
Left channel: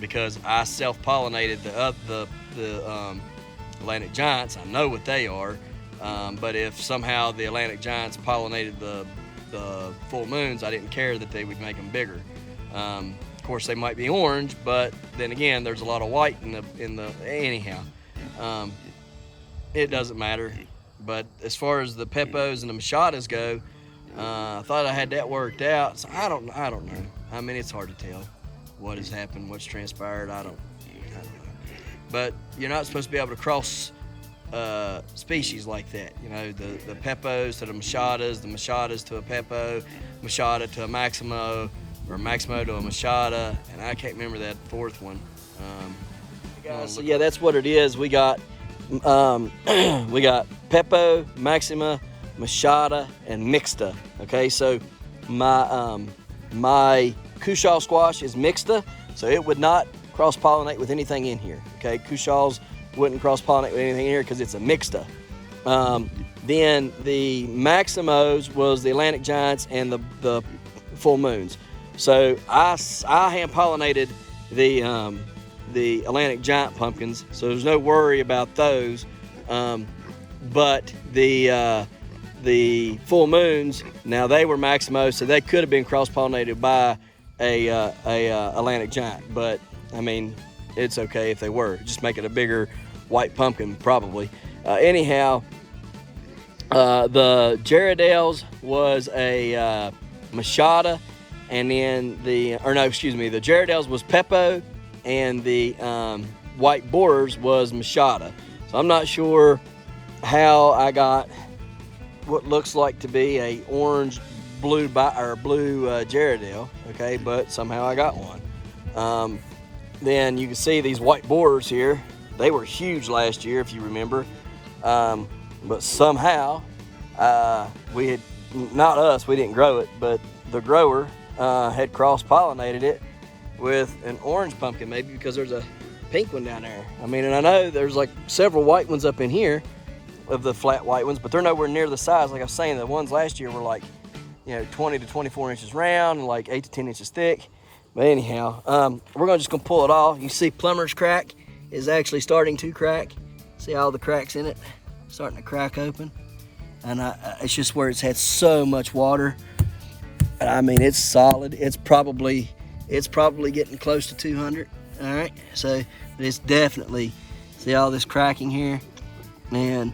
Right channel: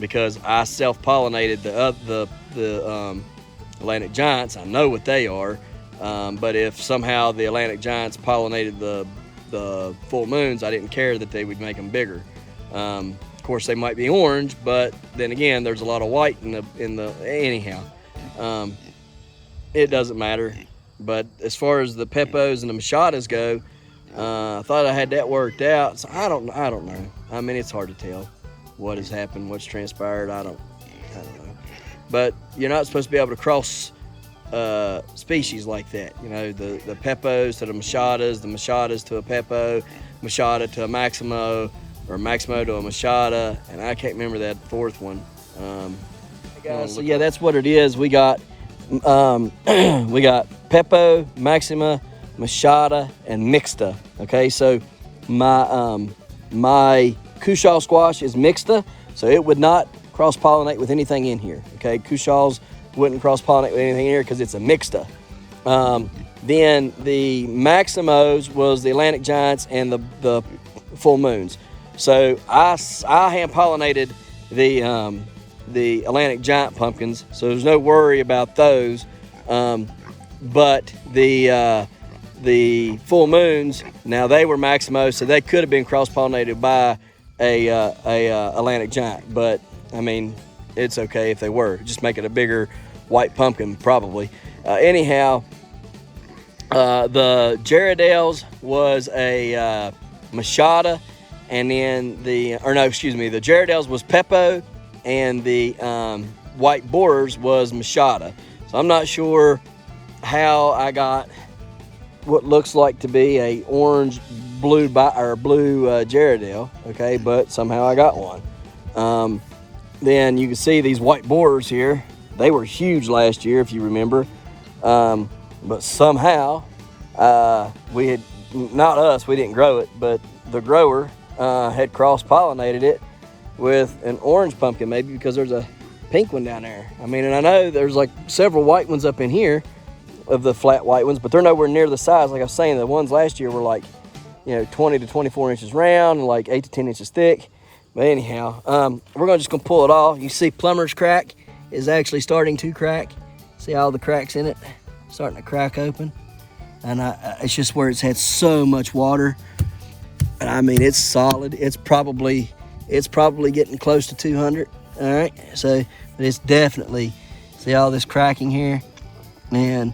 because I self-pollinated the Atlantic Giants. I know what they are, but if somehow the Atlantic Giants pollinated the Full Moons, I didn't care that they would make them bigger. Of course, they might be orange, but then again, there's a lot of white in the anyhow. It doesn't matter. But as far as the Peppos and the Machadas go, I thought I had that worked out. So I don't know. I mean, it's hard to tell what has happened, what's transpired. I don't know. But you're not supposed to be able to cross species like that. The Peppos to the Machadas to a Peppo, Machada to a Maximo, or Maximo to a Machada, and I can't remember that fourth one. So yeah, that's what it is. We got Peppo, Maxima, Machada, and Mixta. Okay, so my Cushaw squash is Mixta, so it would not cross-pollinate with anything in here. Okay, Cushaws wouldn't cross-pollinate with anything in here because it's a Mixta. Then the Maximos was the Atlantic Giants and the Full Moons. So I hand-pollinated the Atlantic Giant pumpkins, so there's no worry about those. But the Full Moons, now they were Maximos, so they could have been cross-pollinated by a Atlantic Giant. But I mean, it's okay if they were. Just make it a bigger white pumpkin, probably. Anyhow, the Gerardales was a Machada, and then the Gerardales was Peppo, and the white borers was Machada. So I'm not sure how I got what looks like to be a orange blue Gerardale, okay, but somehow I got one. Then you can see these white borers here. They were huge last year, if you remember, but somehow we didn't grow it, but the grower had cross-pollinated it with an orange pumpkin, maybe because there's a pink one down there. I mean, and I know there's like several white ones up in here, of the flat white ones, but they're nowhere near the size. Like I was saying, the ones last year were like 20 to 24 inches round and like 8 to 10 inches thick. But anyhow, we're just gonna pull it off. You see plumber's crack is actually starting to crack. See all the cracks in it starting to crack open, and it's just where it's had so much water. I mean, it's solid. It's probably getting close to 200. All right, so it's definitely, see all this cracking here, and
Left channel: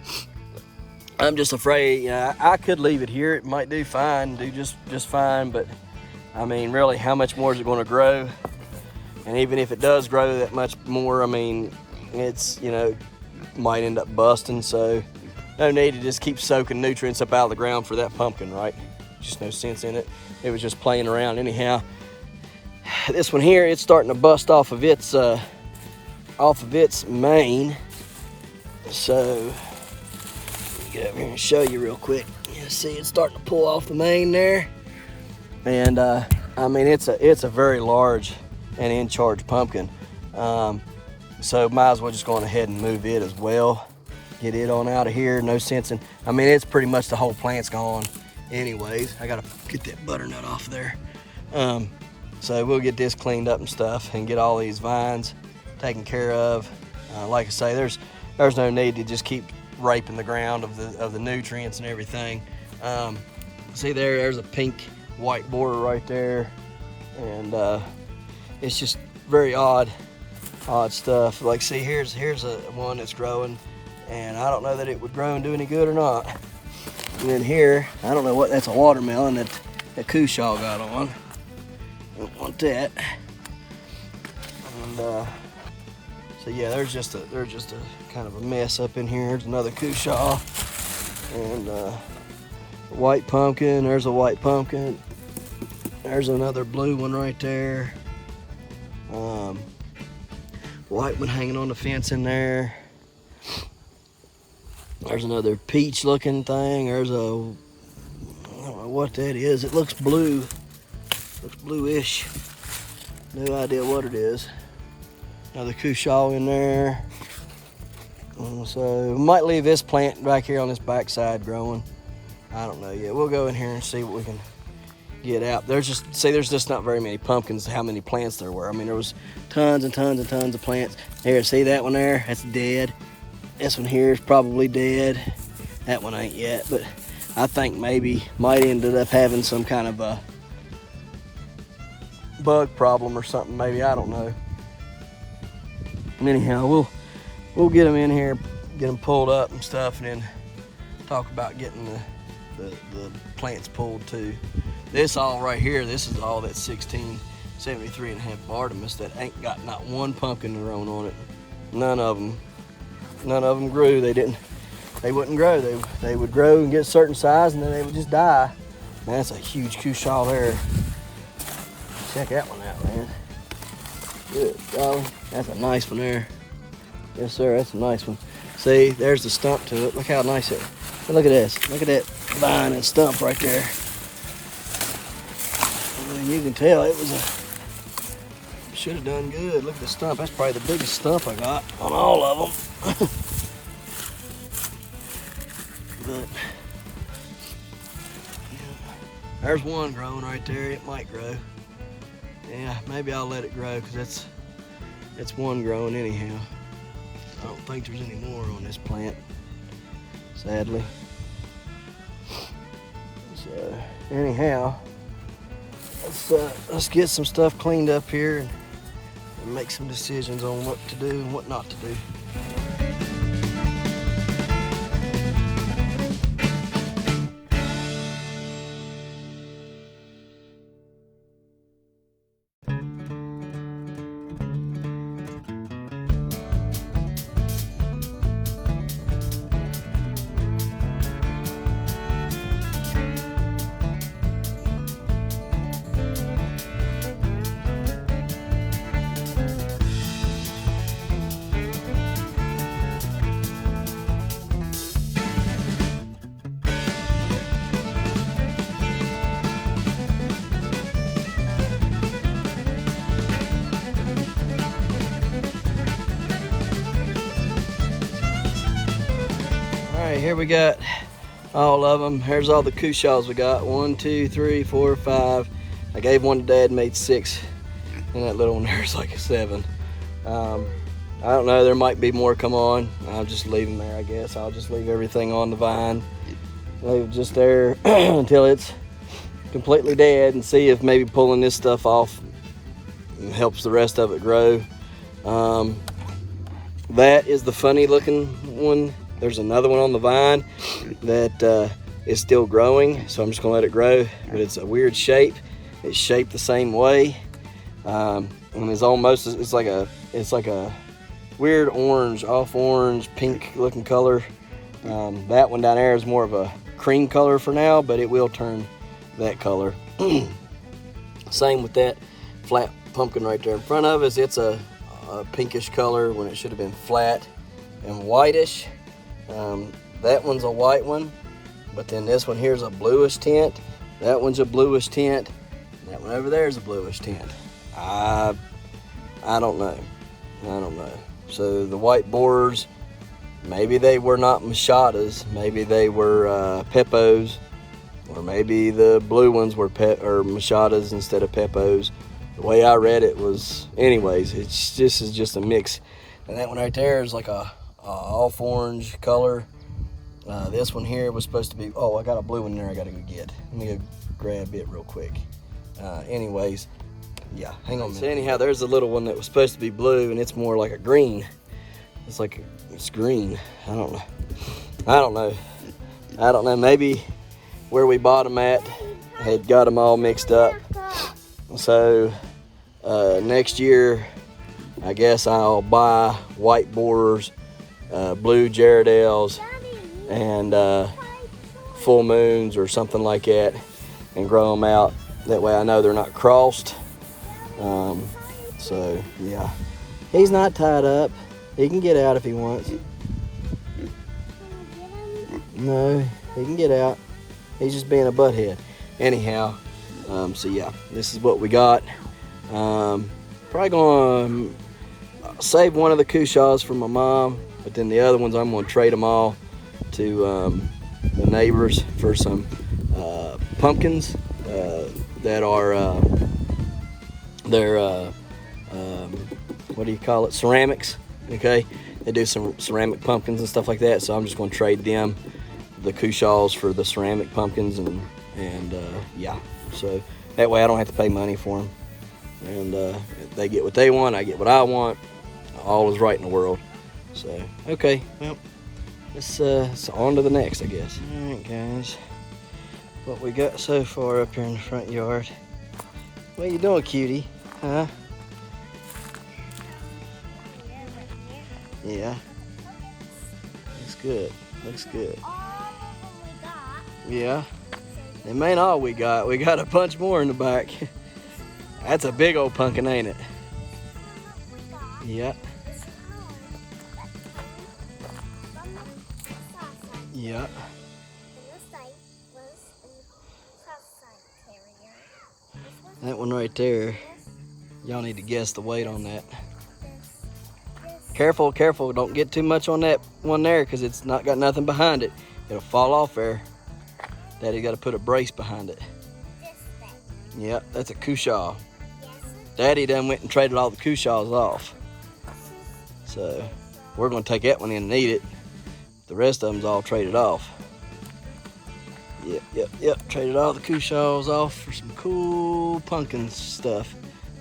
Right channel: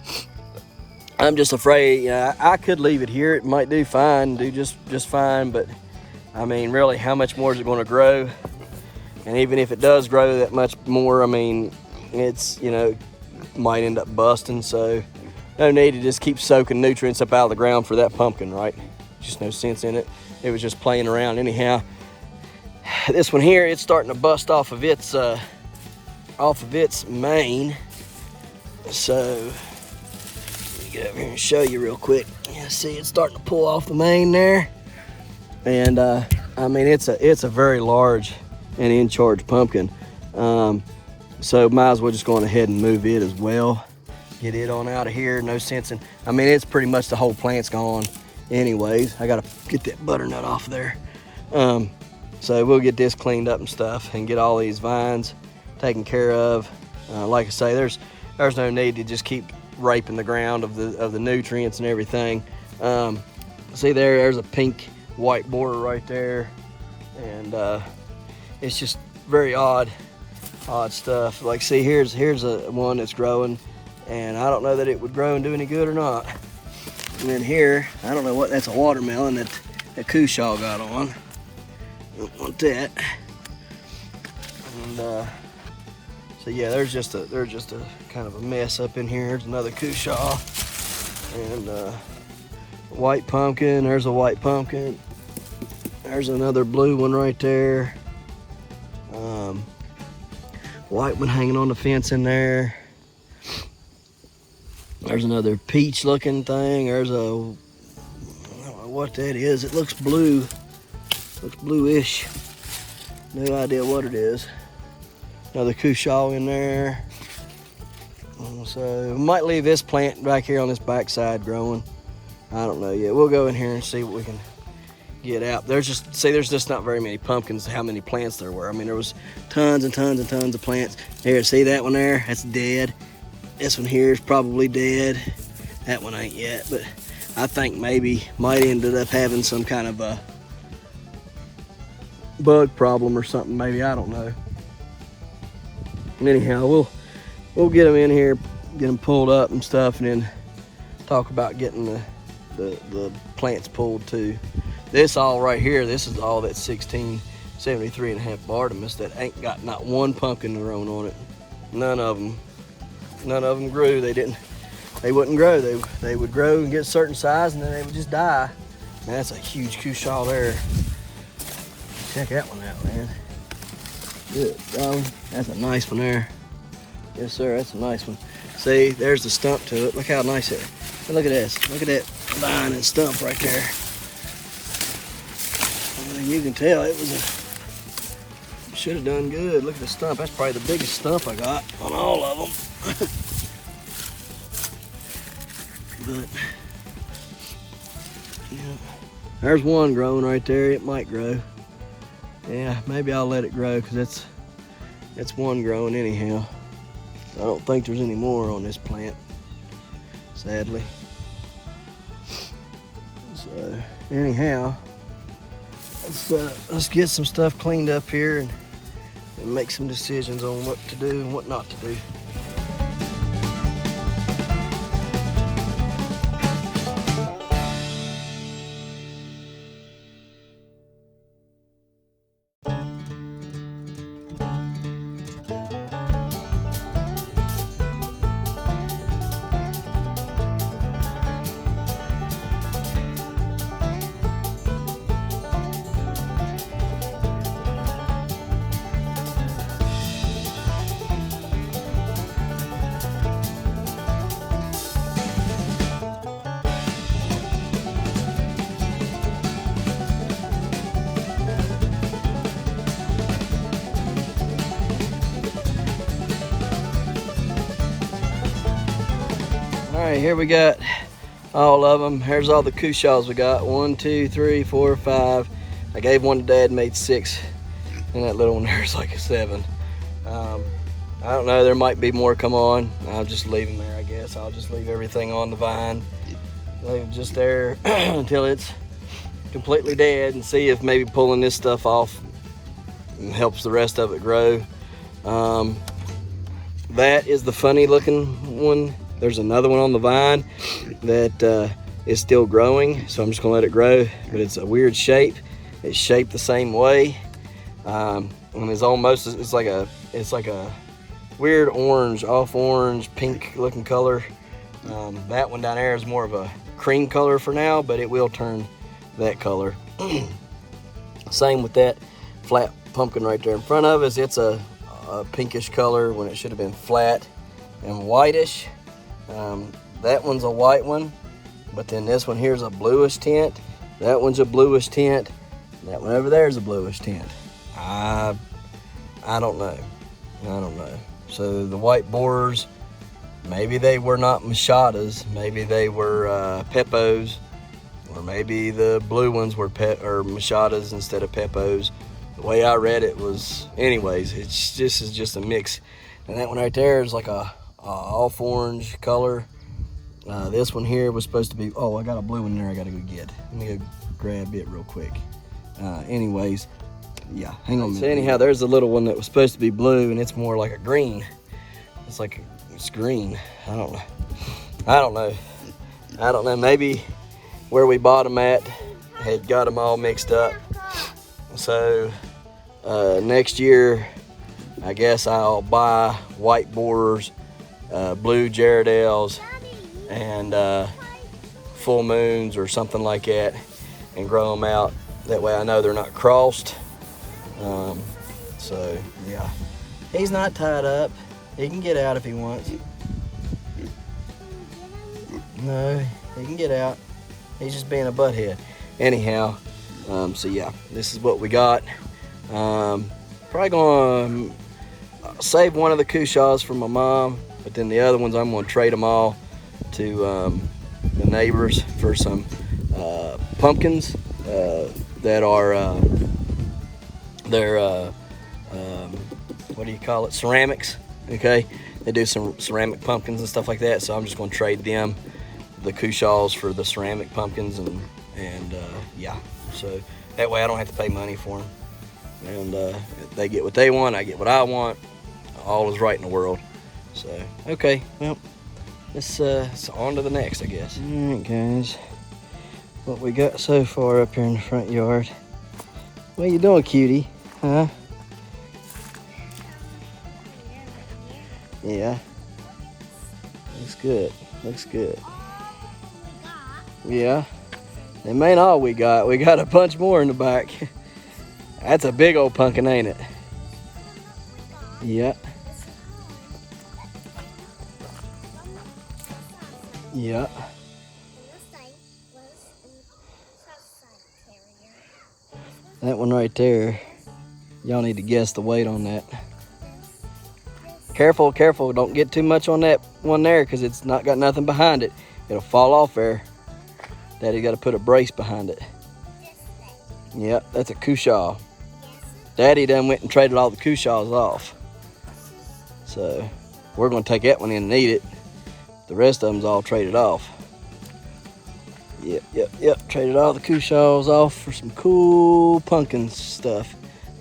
I'm just afraid. I could leave it here. It might do just fine, but I mean, really, how much more is it going to grow? And even if it does grow that much more, I mean, it's might end up busting. So no need to just keep soaking nutrients up out of the ground for that pumpkin, right? Just no sense in it. It was just playing around anyhow. This one here, it's starting to bust off of its mane. So get up here and show you real quick. See, it's starting to pull off the mane there, and I mean, it's a very large and in-charge pumpkin. So might as well just go on ahead and move it as well. Get it on out of here. No sense in. I mean, it's pretty much the whole plant's gone. Anyways, I gotta get that butternut off there. So we'll get this cleaned up and stuff, and get all these vines taken care of. Like I say, there's no need to just keep raping the ground of the nutrients and everything. See there's a pink white border right there, and it's just very odd stuff. Like, see, here's a one that's growing, and I don't know that it would grow and do any good or not. And then here, I don't know what, that's a watermelon that Cushaw got on. Don't want that. And so yeah, there's just a kind of a mess up in here. There's another Cushaw, and white pumpkin. There's a white pumpkin. There's another blue one right there. White one hanging on the fence in there. There's another peach looking thing. There's a, I don't know what that is. It looks blue. Looks bluish. No idea what it is. Another Cushaw in there. And so we might leave this plant back here on this backside growing. I don't know yet. We'll go in here and see what we can get out. There's just not very many pumpkins. How many plants there were? I mean, there was tons and tons and tons of plants. Here, see that one there? That's dead. This one here is probably dead. That one ain't yet, but I think maybe might ended up having some kind of a bug problem or something. Maybe, I don't know. And anyhow, we'll get them in here, get them pulled up and stuff, and then talk about getting the plants pulled too. This all right here, this is all that 1673.5 Artemis that ain't got not one pumpkin grown on it. None of them grew. They wouldn't grow. They would grow and get a certain size, and then they would just die. Man, that's a huge Cushaw there. Check that one out, man. Good dog. That's a nice one there. Yes, sir, that's a nice one. See, there's the stump to it. Look how nice it is. But look at this. Look at that vine and stump right there. I mean, you can tell it should have done good. Look at the stump. That's probably the biggest stump I got on all of them. But yeah, there's one growing right there. It might grow. Yeah, maybe I'll let it grow because that's one growing anyhow. I don't think there's any more on this plant, sadly. So anyhow, let's get some stuff cleaned up here and make some decisions on what to do and what not to do. All right, here we got all of them. Here's all the Cushaws we got. 1, 2, 3, 4, 5. I gave one to Dad, made 6. And that little one there's like a 7. I don't know, there might be more come on. I'll just leave them there, I guess. I'll just leave everything on the vine. Leave it just there until it's completely dead and see if maybe pulling this stuff off helps the rest of it grow. That is the funny looking one. There's another one on the vine that is still growing, so I'm just gonna let it grow, but it's a weird shape. It's shaped the same way. And it's like a weird orange, off orange, pink looking color. That one down there is more of a cream color for now, but it will turn that color. Same with that flat pumpkin right there in front of us. It's a pinkish color when it should have been flat and whitish. That one's a white one, but then this one here's a bluish tint. That one's a bluish tint. That one over there is a bluish tint. I don't know. So the white borers, maybe they were not machadas. Maybe they were Peppos, or maybe the blue ones were machadas instead of Peppos. The way I read it was, anyways, this is just a mix. And that one right there is like a off orange color. This one here was supposed to be, oh, I got a blue one there I gotta go get. Let me go grab it real quick. Anyways, yeah, hang on a minute. So anyhow, there's a little one that was supposed to be blue and it's more like a green. It's green. I don't know. Maybe where we bought them at had got them all mixed up. So next year, I guess I'll buy white borers, blue Jarradales, and full moons or something like that, and grow them out. That way I know they're not crossed. So yeah, he's not tied up. He can get out if he wants. No, he can get out. He's just being a butthead. Anyhow, so yeah, this is what we got. Probably gonna save one of the Cushaws for my mom, but then the other ones I'm gonna trade them all to the neighbors for some pumpkins that are they're what do you call it? Ceramics. Okay, they do some ceramic pumpkins and stuff like that. So I'm just gonna trade them the Cushaws for the ceramic pumpkins, and yeah. So that way I don't have to pay money for them, and they get what they want, I get what I want. All is right in the world. So okay, well, let's on to the next, I guess. All right, guys, what we got so far up here in the front yard. What you doing, cutie? Huh? Yeah. Looks good. Looks good. Yeah. It ain't all we got. We got a bunch more in the back. That's a big old pumpkin, ain't it? Yeah. Yeah. That one right there. Y'all need to guess the weight on that. Careful, careful. Don't get too much on that one there because it's not got nothing behind it. It'll fall off there. Daddy got to put a brace behind it. Yep, that's a Cushaw. Daddy done went and traded all the Cushaws off. So we're going to take that one in and eat it. The rest of them's all traded off. Yep. Traded all the Cushaws off for some cool pumpkin stuff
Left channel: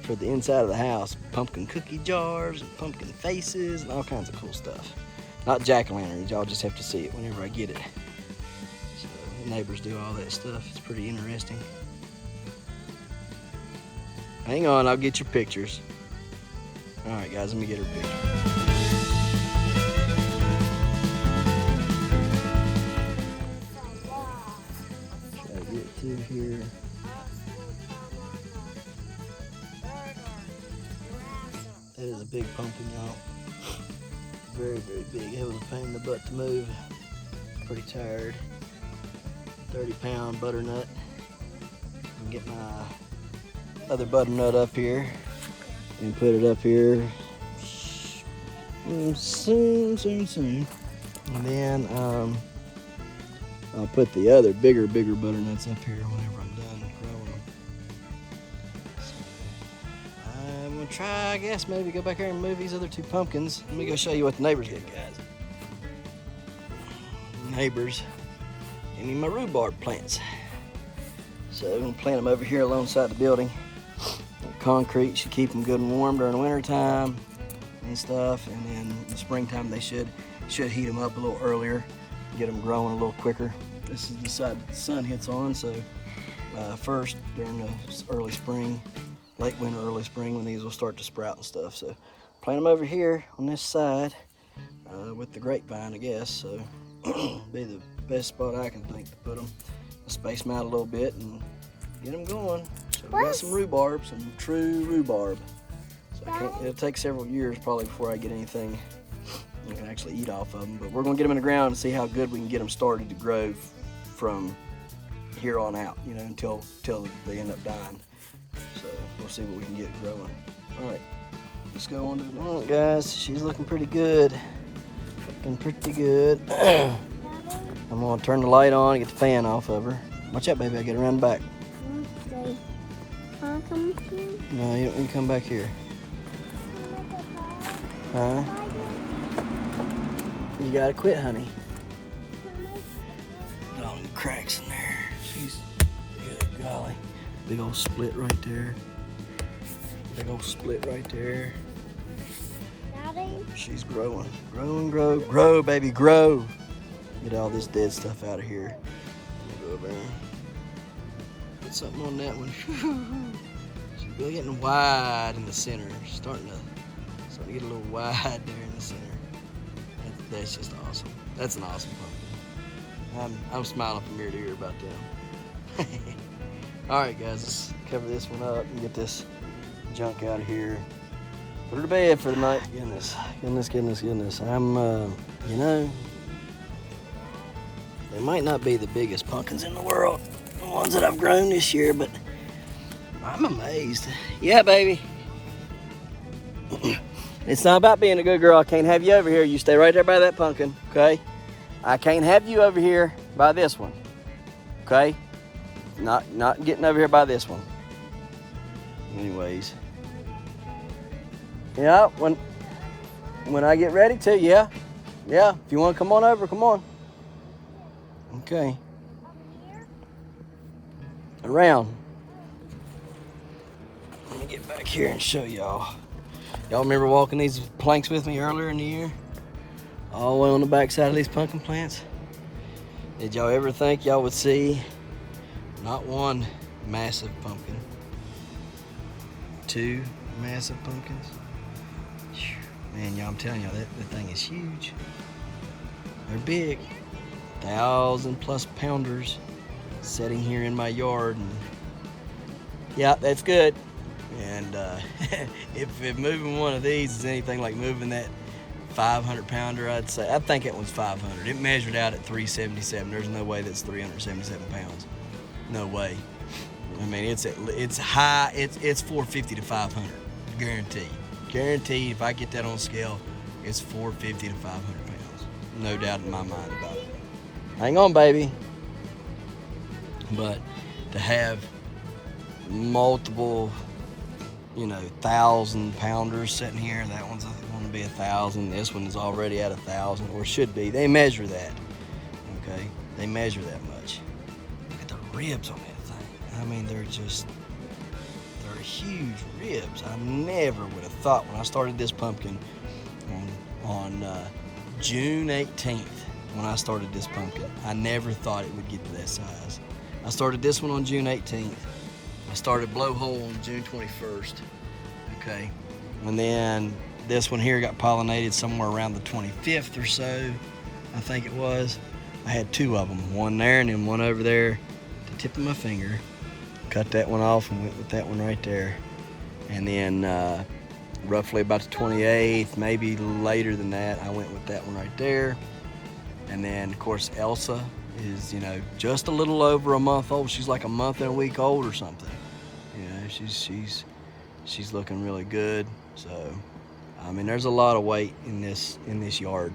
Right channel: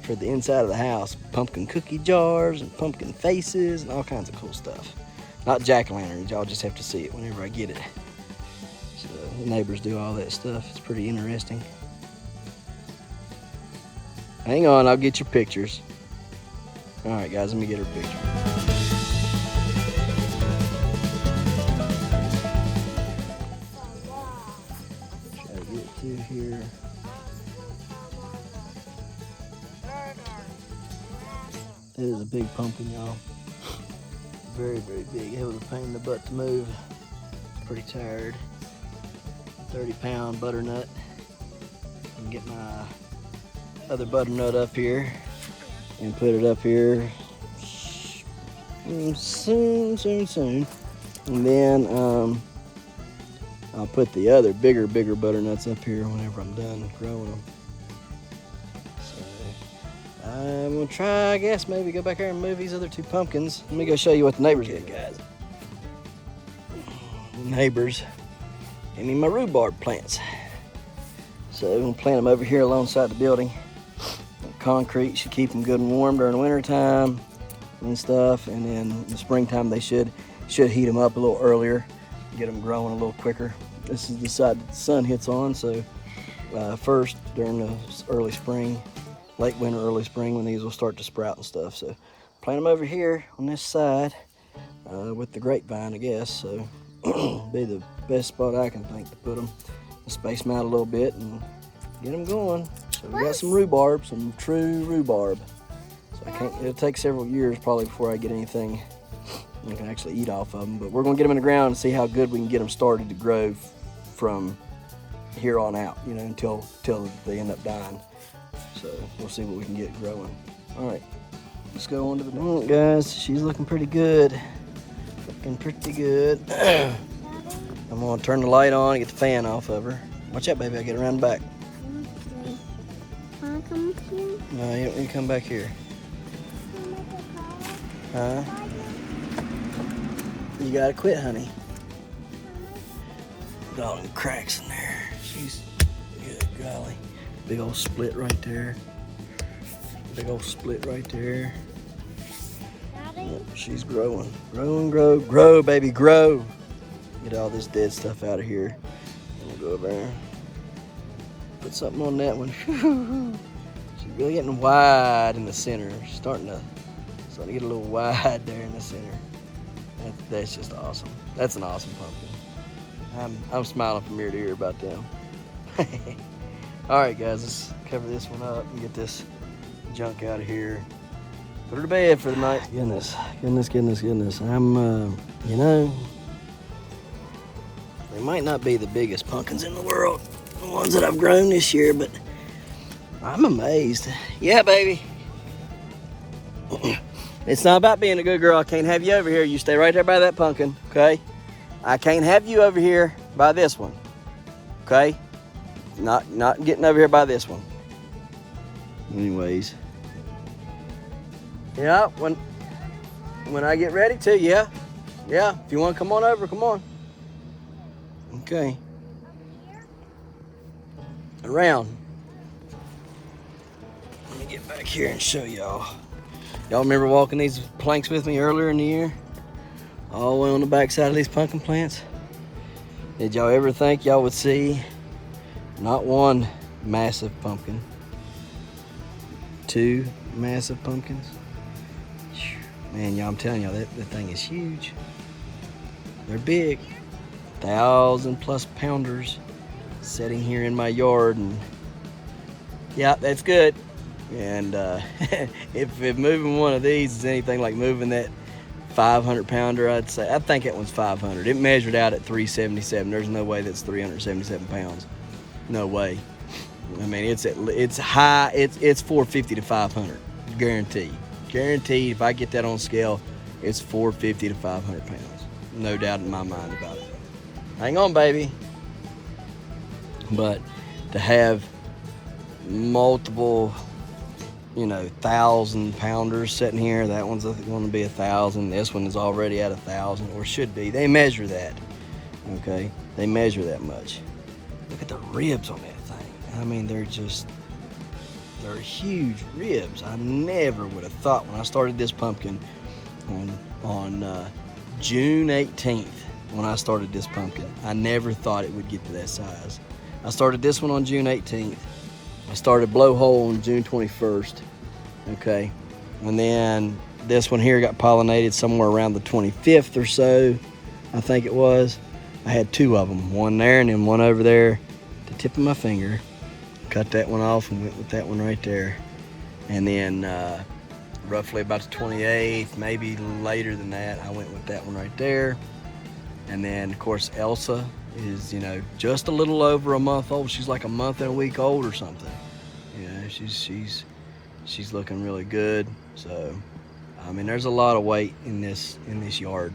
for the inside of the house. Pumpkin cookie jars and pumpkin faces and all kinds of cool stuff. Not jack-o'-lanterns, y'all just have to see it whenever I get it. So the neighbors do all that stuff. It's pretty interesting. Hang on, I'll get your pictures. All right, guys, let me get her picture. Try to get through here. It is a big pumpkin, y'all. Very, very big. It was a pain in the butt to move. Pretty tired. 30-pound butternut. And get my other butternut up here and put it up here soon. And then I'll put the other bigger butternuts up here whenever I'm done growing them. I'm gonna try, I guess, maybe go back here and move these other two pumpkins. Let me go show you what the neighbors did, guys. Neighbors, give me my rhubarb plants. So I'm gonna plant them over here alongside the building. Concrete should keep them good and warm during the winter time and stuff. And then in the springtime, they should heat them up a little earlier, get them growing a little quicker. This is the side that the sun hits on. So first during the early spring, late winter, early spring, when these will start to sprout and stuff. So plant them over here on this side with the grapevine, I guess. So be the best spot I can think to put them. Space them out a little bit and get them going. So we got some rhubarb, some true rhubarb. So it'll take several years probably before I get anything I can actually eat off of them. But we're gonna get them in the ground and see how good we can get them started to grow from here on out, you know, until they end up dying. So we'll see what we can get growing. All right, let's go on to the next. All right, guys, she's looking pretty good. Looking pretty good. I'm gonna turn the light on and get the fan off of her. Watch out, baby, I get around the back. Wanna come here? No, you don't come back here. Huh? You gotta quit, honey. Look at all the cracks in there. She's good, golly. Big old split right there. Big old split right there. Yep, she's growing. Grow, baby, grow. Get all this dead stuff out of here. Go there. Put something on that one. She's really getting wide in the center. Starting to get a little wide there in the center. That's just awesome. That's an awesome pumpkin. I'm smiling from ear to ear about them. All right, guys, let's cover this one up and get this junk out of here. Put her to bed for the night. Goodness. I'm, you know, they might not be the biggest pumpkins in the world, the ones that I've grown this year, but I'm amazed. Yeah, baby. It's not about being a good girl. I can't have you over here. You stay right there by that pumpkin, okay? I can't have you over here by this one, okay? Not getting over here by this one. Anyways. Yeah, when I get ready to, yeah. Yeah, if you want to come on over, come on. Okay. Around. Let me get back here and show y'all. Y'all remember walking these planks with me earlier in the year? All the way on the back side of these pumpkin plants? Did y'all ever think y'all would see not one massive pumpkin, two massive pumpkins? Man, y'all, I'm telling y'all, that thing is huge. They're big. 1,000+ pounders sitting here in my yard, and yeah, that's good. And if moving one of these is anything like moving that 500 pounder, I think that one's 500. It measured out at 377. There's no way that's 377 pounds. No way. I mean, it's high. It's 450 to 500, guaranteed. Guaranteed. If I get that on scale, it's 450 to 500 pounds. No doubt in my mind about it. Hang on, baby. But to have multiple, 1,000 pounders sitting here, that one's going to be 1,000. This one is already at 1,000, or should be. They measure that. Okay, they measure that much. Look at the ribs on that thing. I mean, they're huge ribs. I never would have thought when I started this pumpkin on June 18th. When I started this pumpkin, I never thought it would get to that size. I started this one on June 18th. I started blowhole on June 21st. Okay, and then this one here got pollinated somewhere around the 25th or so, I think it was. I had two of them, one there and then one over there, the tip of my finger. Cut that one off and went with that one right there. And then roughly about the 28th, maybe later than that, I went with that one right there. And then, of course, Elsa is, just a little over a month old. She's like a month and a week old or something. She's looking really good. So, I mean, there's a lot of weight in this yard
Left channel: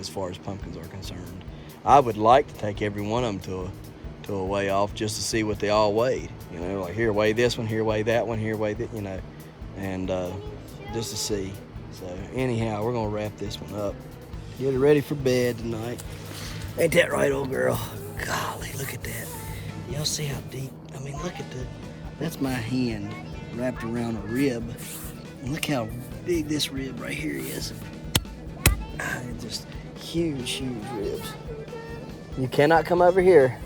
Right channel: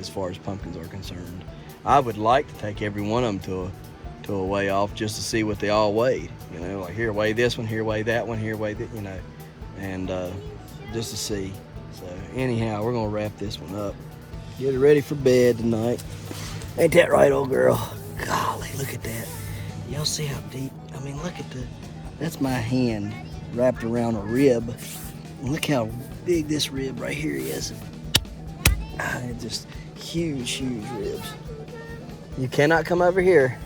as far as pumpkins are concerned. I would like to take every one of them to a weigh off just to see what they all weighed. Like here weigh this one, here weigh that one, here weigh that, and just to see. So anyhow, we're gonna wrap this one up. Get it ready for bed tonight. Ain't that right, old girl? Golly, look at that. Y'all see how deep? I mean, look at that's my hand wrapped around a rib. And look how big this rib right here is. Just huge ribs. You cannot come over here.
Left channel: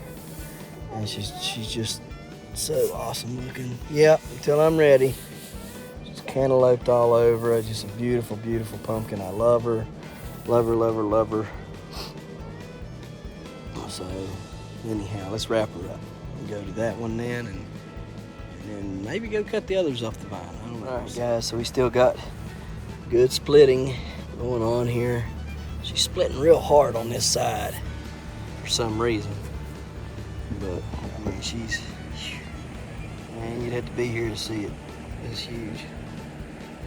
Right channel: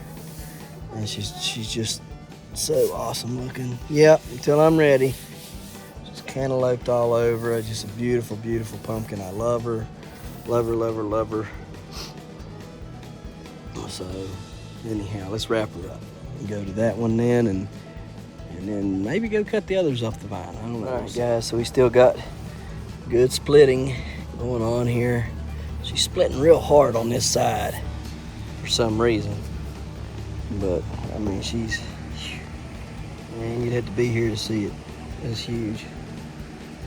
And she's just so awesome looking. Yep, until I'm ready. Just cantalouped all over her. Just a beautiful, beautiful pumpkin. I love her. Love her. So, anyhow, let's wrap her up. And go to that one then, and then maybe go cut the others off the vine. I don't know. All right, guys, so we still got good splitting going on here. She's splitting real hard on this side for some reason. But, I mean, man, you'd have to be here to see it. It's huge.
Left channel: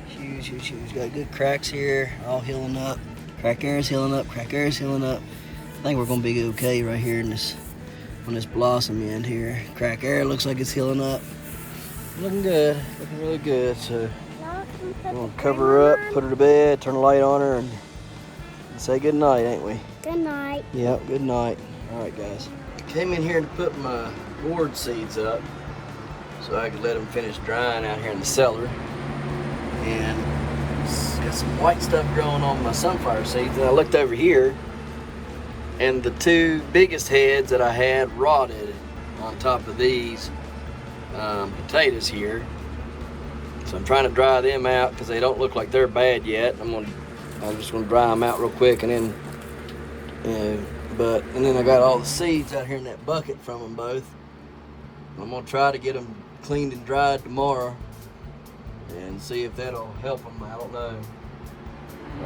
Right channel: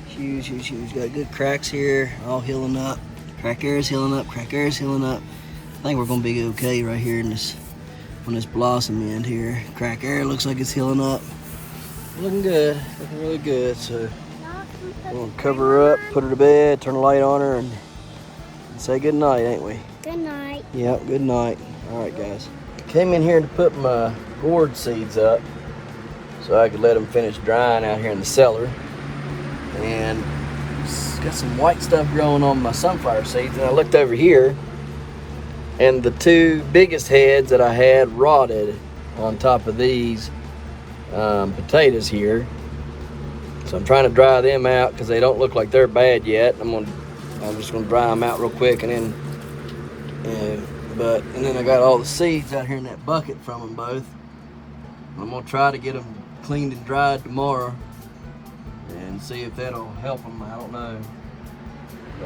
Huge. Got good cracks here, all healing up. Crack area's healing up, I think we're gonna be okay right here on this blossom end here. Crack area looks like it's healing up. Looking good, looking really good. So we're gonna cover her up, put her to bed, turn the light on her, and say good night, ain't we? Good night. Yep, good night. All right, guys. Came in here to put my gourd seeds up so I could let them finish drying out here in the cellar. And got some white stuff growing on my sunflower seeds. And I looked over here, and the two biggest heads that I had rotted on top of these potatoes here. So I'm trying to dry them out because they don't look like they're bad yet. I'm just gonna dry them out real quick, and then I got all the seeds out here in that bucket from them both. I'm gonna try to get them cleaned and dried tomorrow and see if that'll help them. I don't know.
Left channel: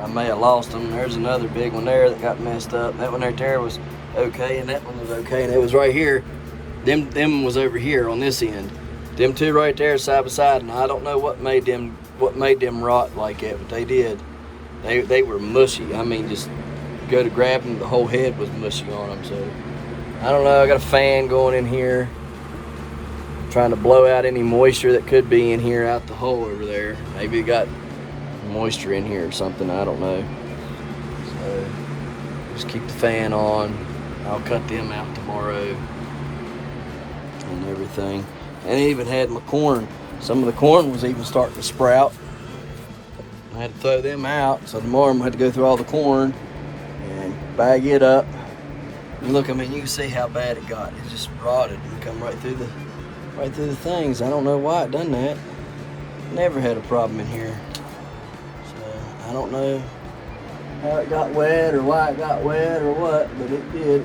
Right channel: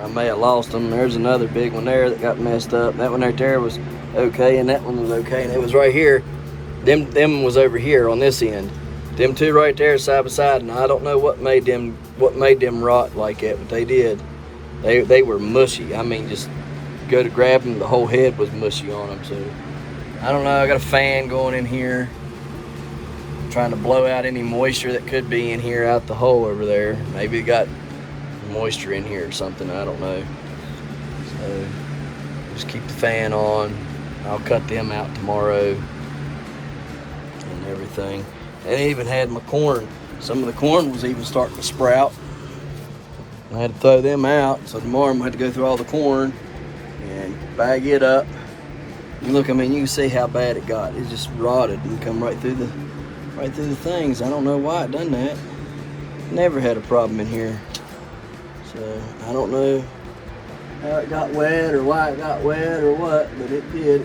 I may have lost them. There's another big one there that got messed up. That one right there was okay, and that one was okay. And it was right here. Them was over here on this end. Them two right there side by side, and I don't know what made them rot like that, but they did. They were mushy. I mean, just go to grab them, the whole head was mushy on them. So I don't know. I got a fan going in here, trying to blow out any moisture that could be in here out the hole over there. Maybe it got moisture in here or something. I don't know. So just keep the fan on. I'll cut them out tomorrow and everything. And I even had my corn. Some of the corn was even starting to sprout. I had to throw them out, so tomorrow I'm gonna have to go through all the corn and bag it up. And look, I mean, you can see how bad it got. It just rotted and come right through the things. I don't know why it done that. Never had a problem in here. So I don't know how it got wet or why it got wet or what, but it did.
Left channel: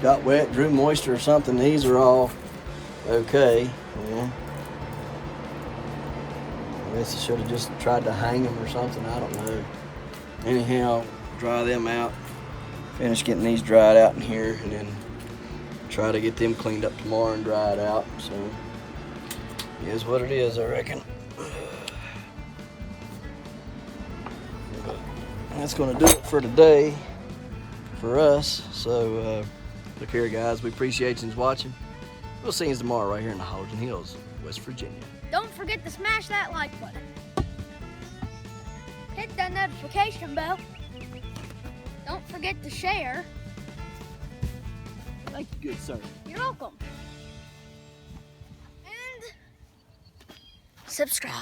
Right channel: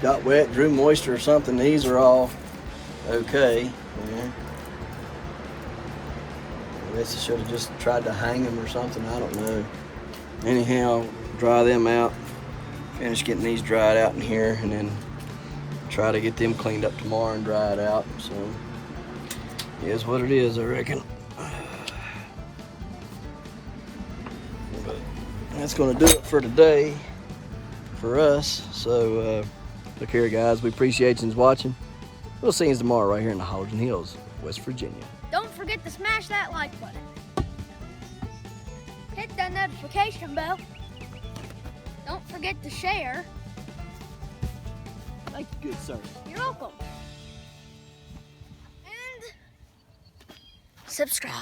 Got wet, drew moisture or something. These are all okay. Yeah. I guess I should have just tried to hang them or something. I don't know. Anyhow, dry them out. Finish getting these dried out in here, and then try to get them cleaned up tomorrow and dried out. So it is what it is, I reckon. And that's going to do it for today for us. So look here, guys, we appreciate you watching. We'll see you tomorrow right here in the Hodgen Hills, West Virginia. Don't forget to smash that like button. Hit that notification bell. Don't forget to share. Thank you, good sir. You're welcome. And subscribe.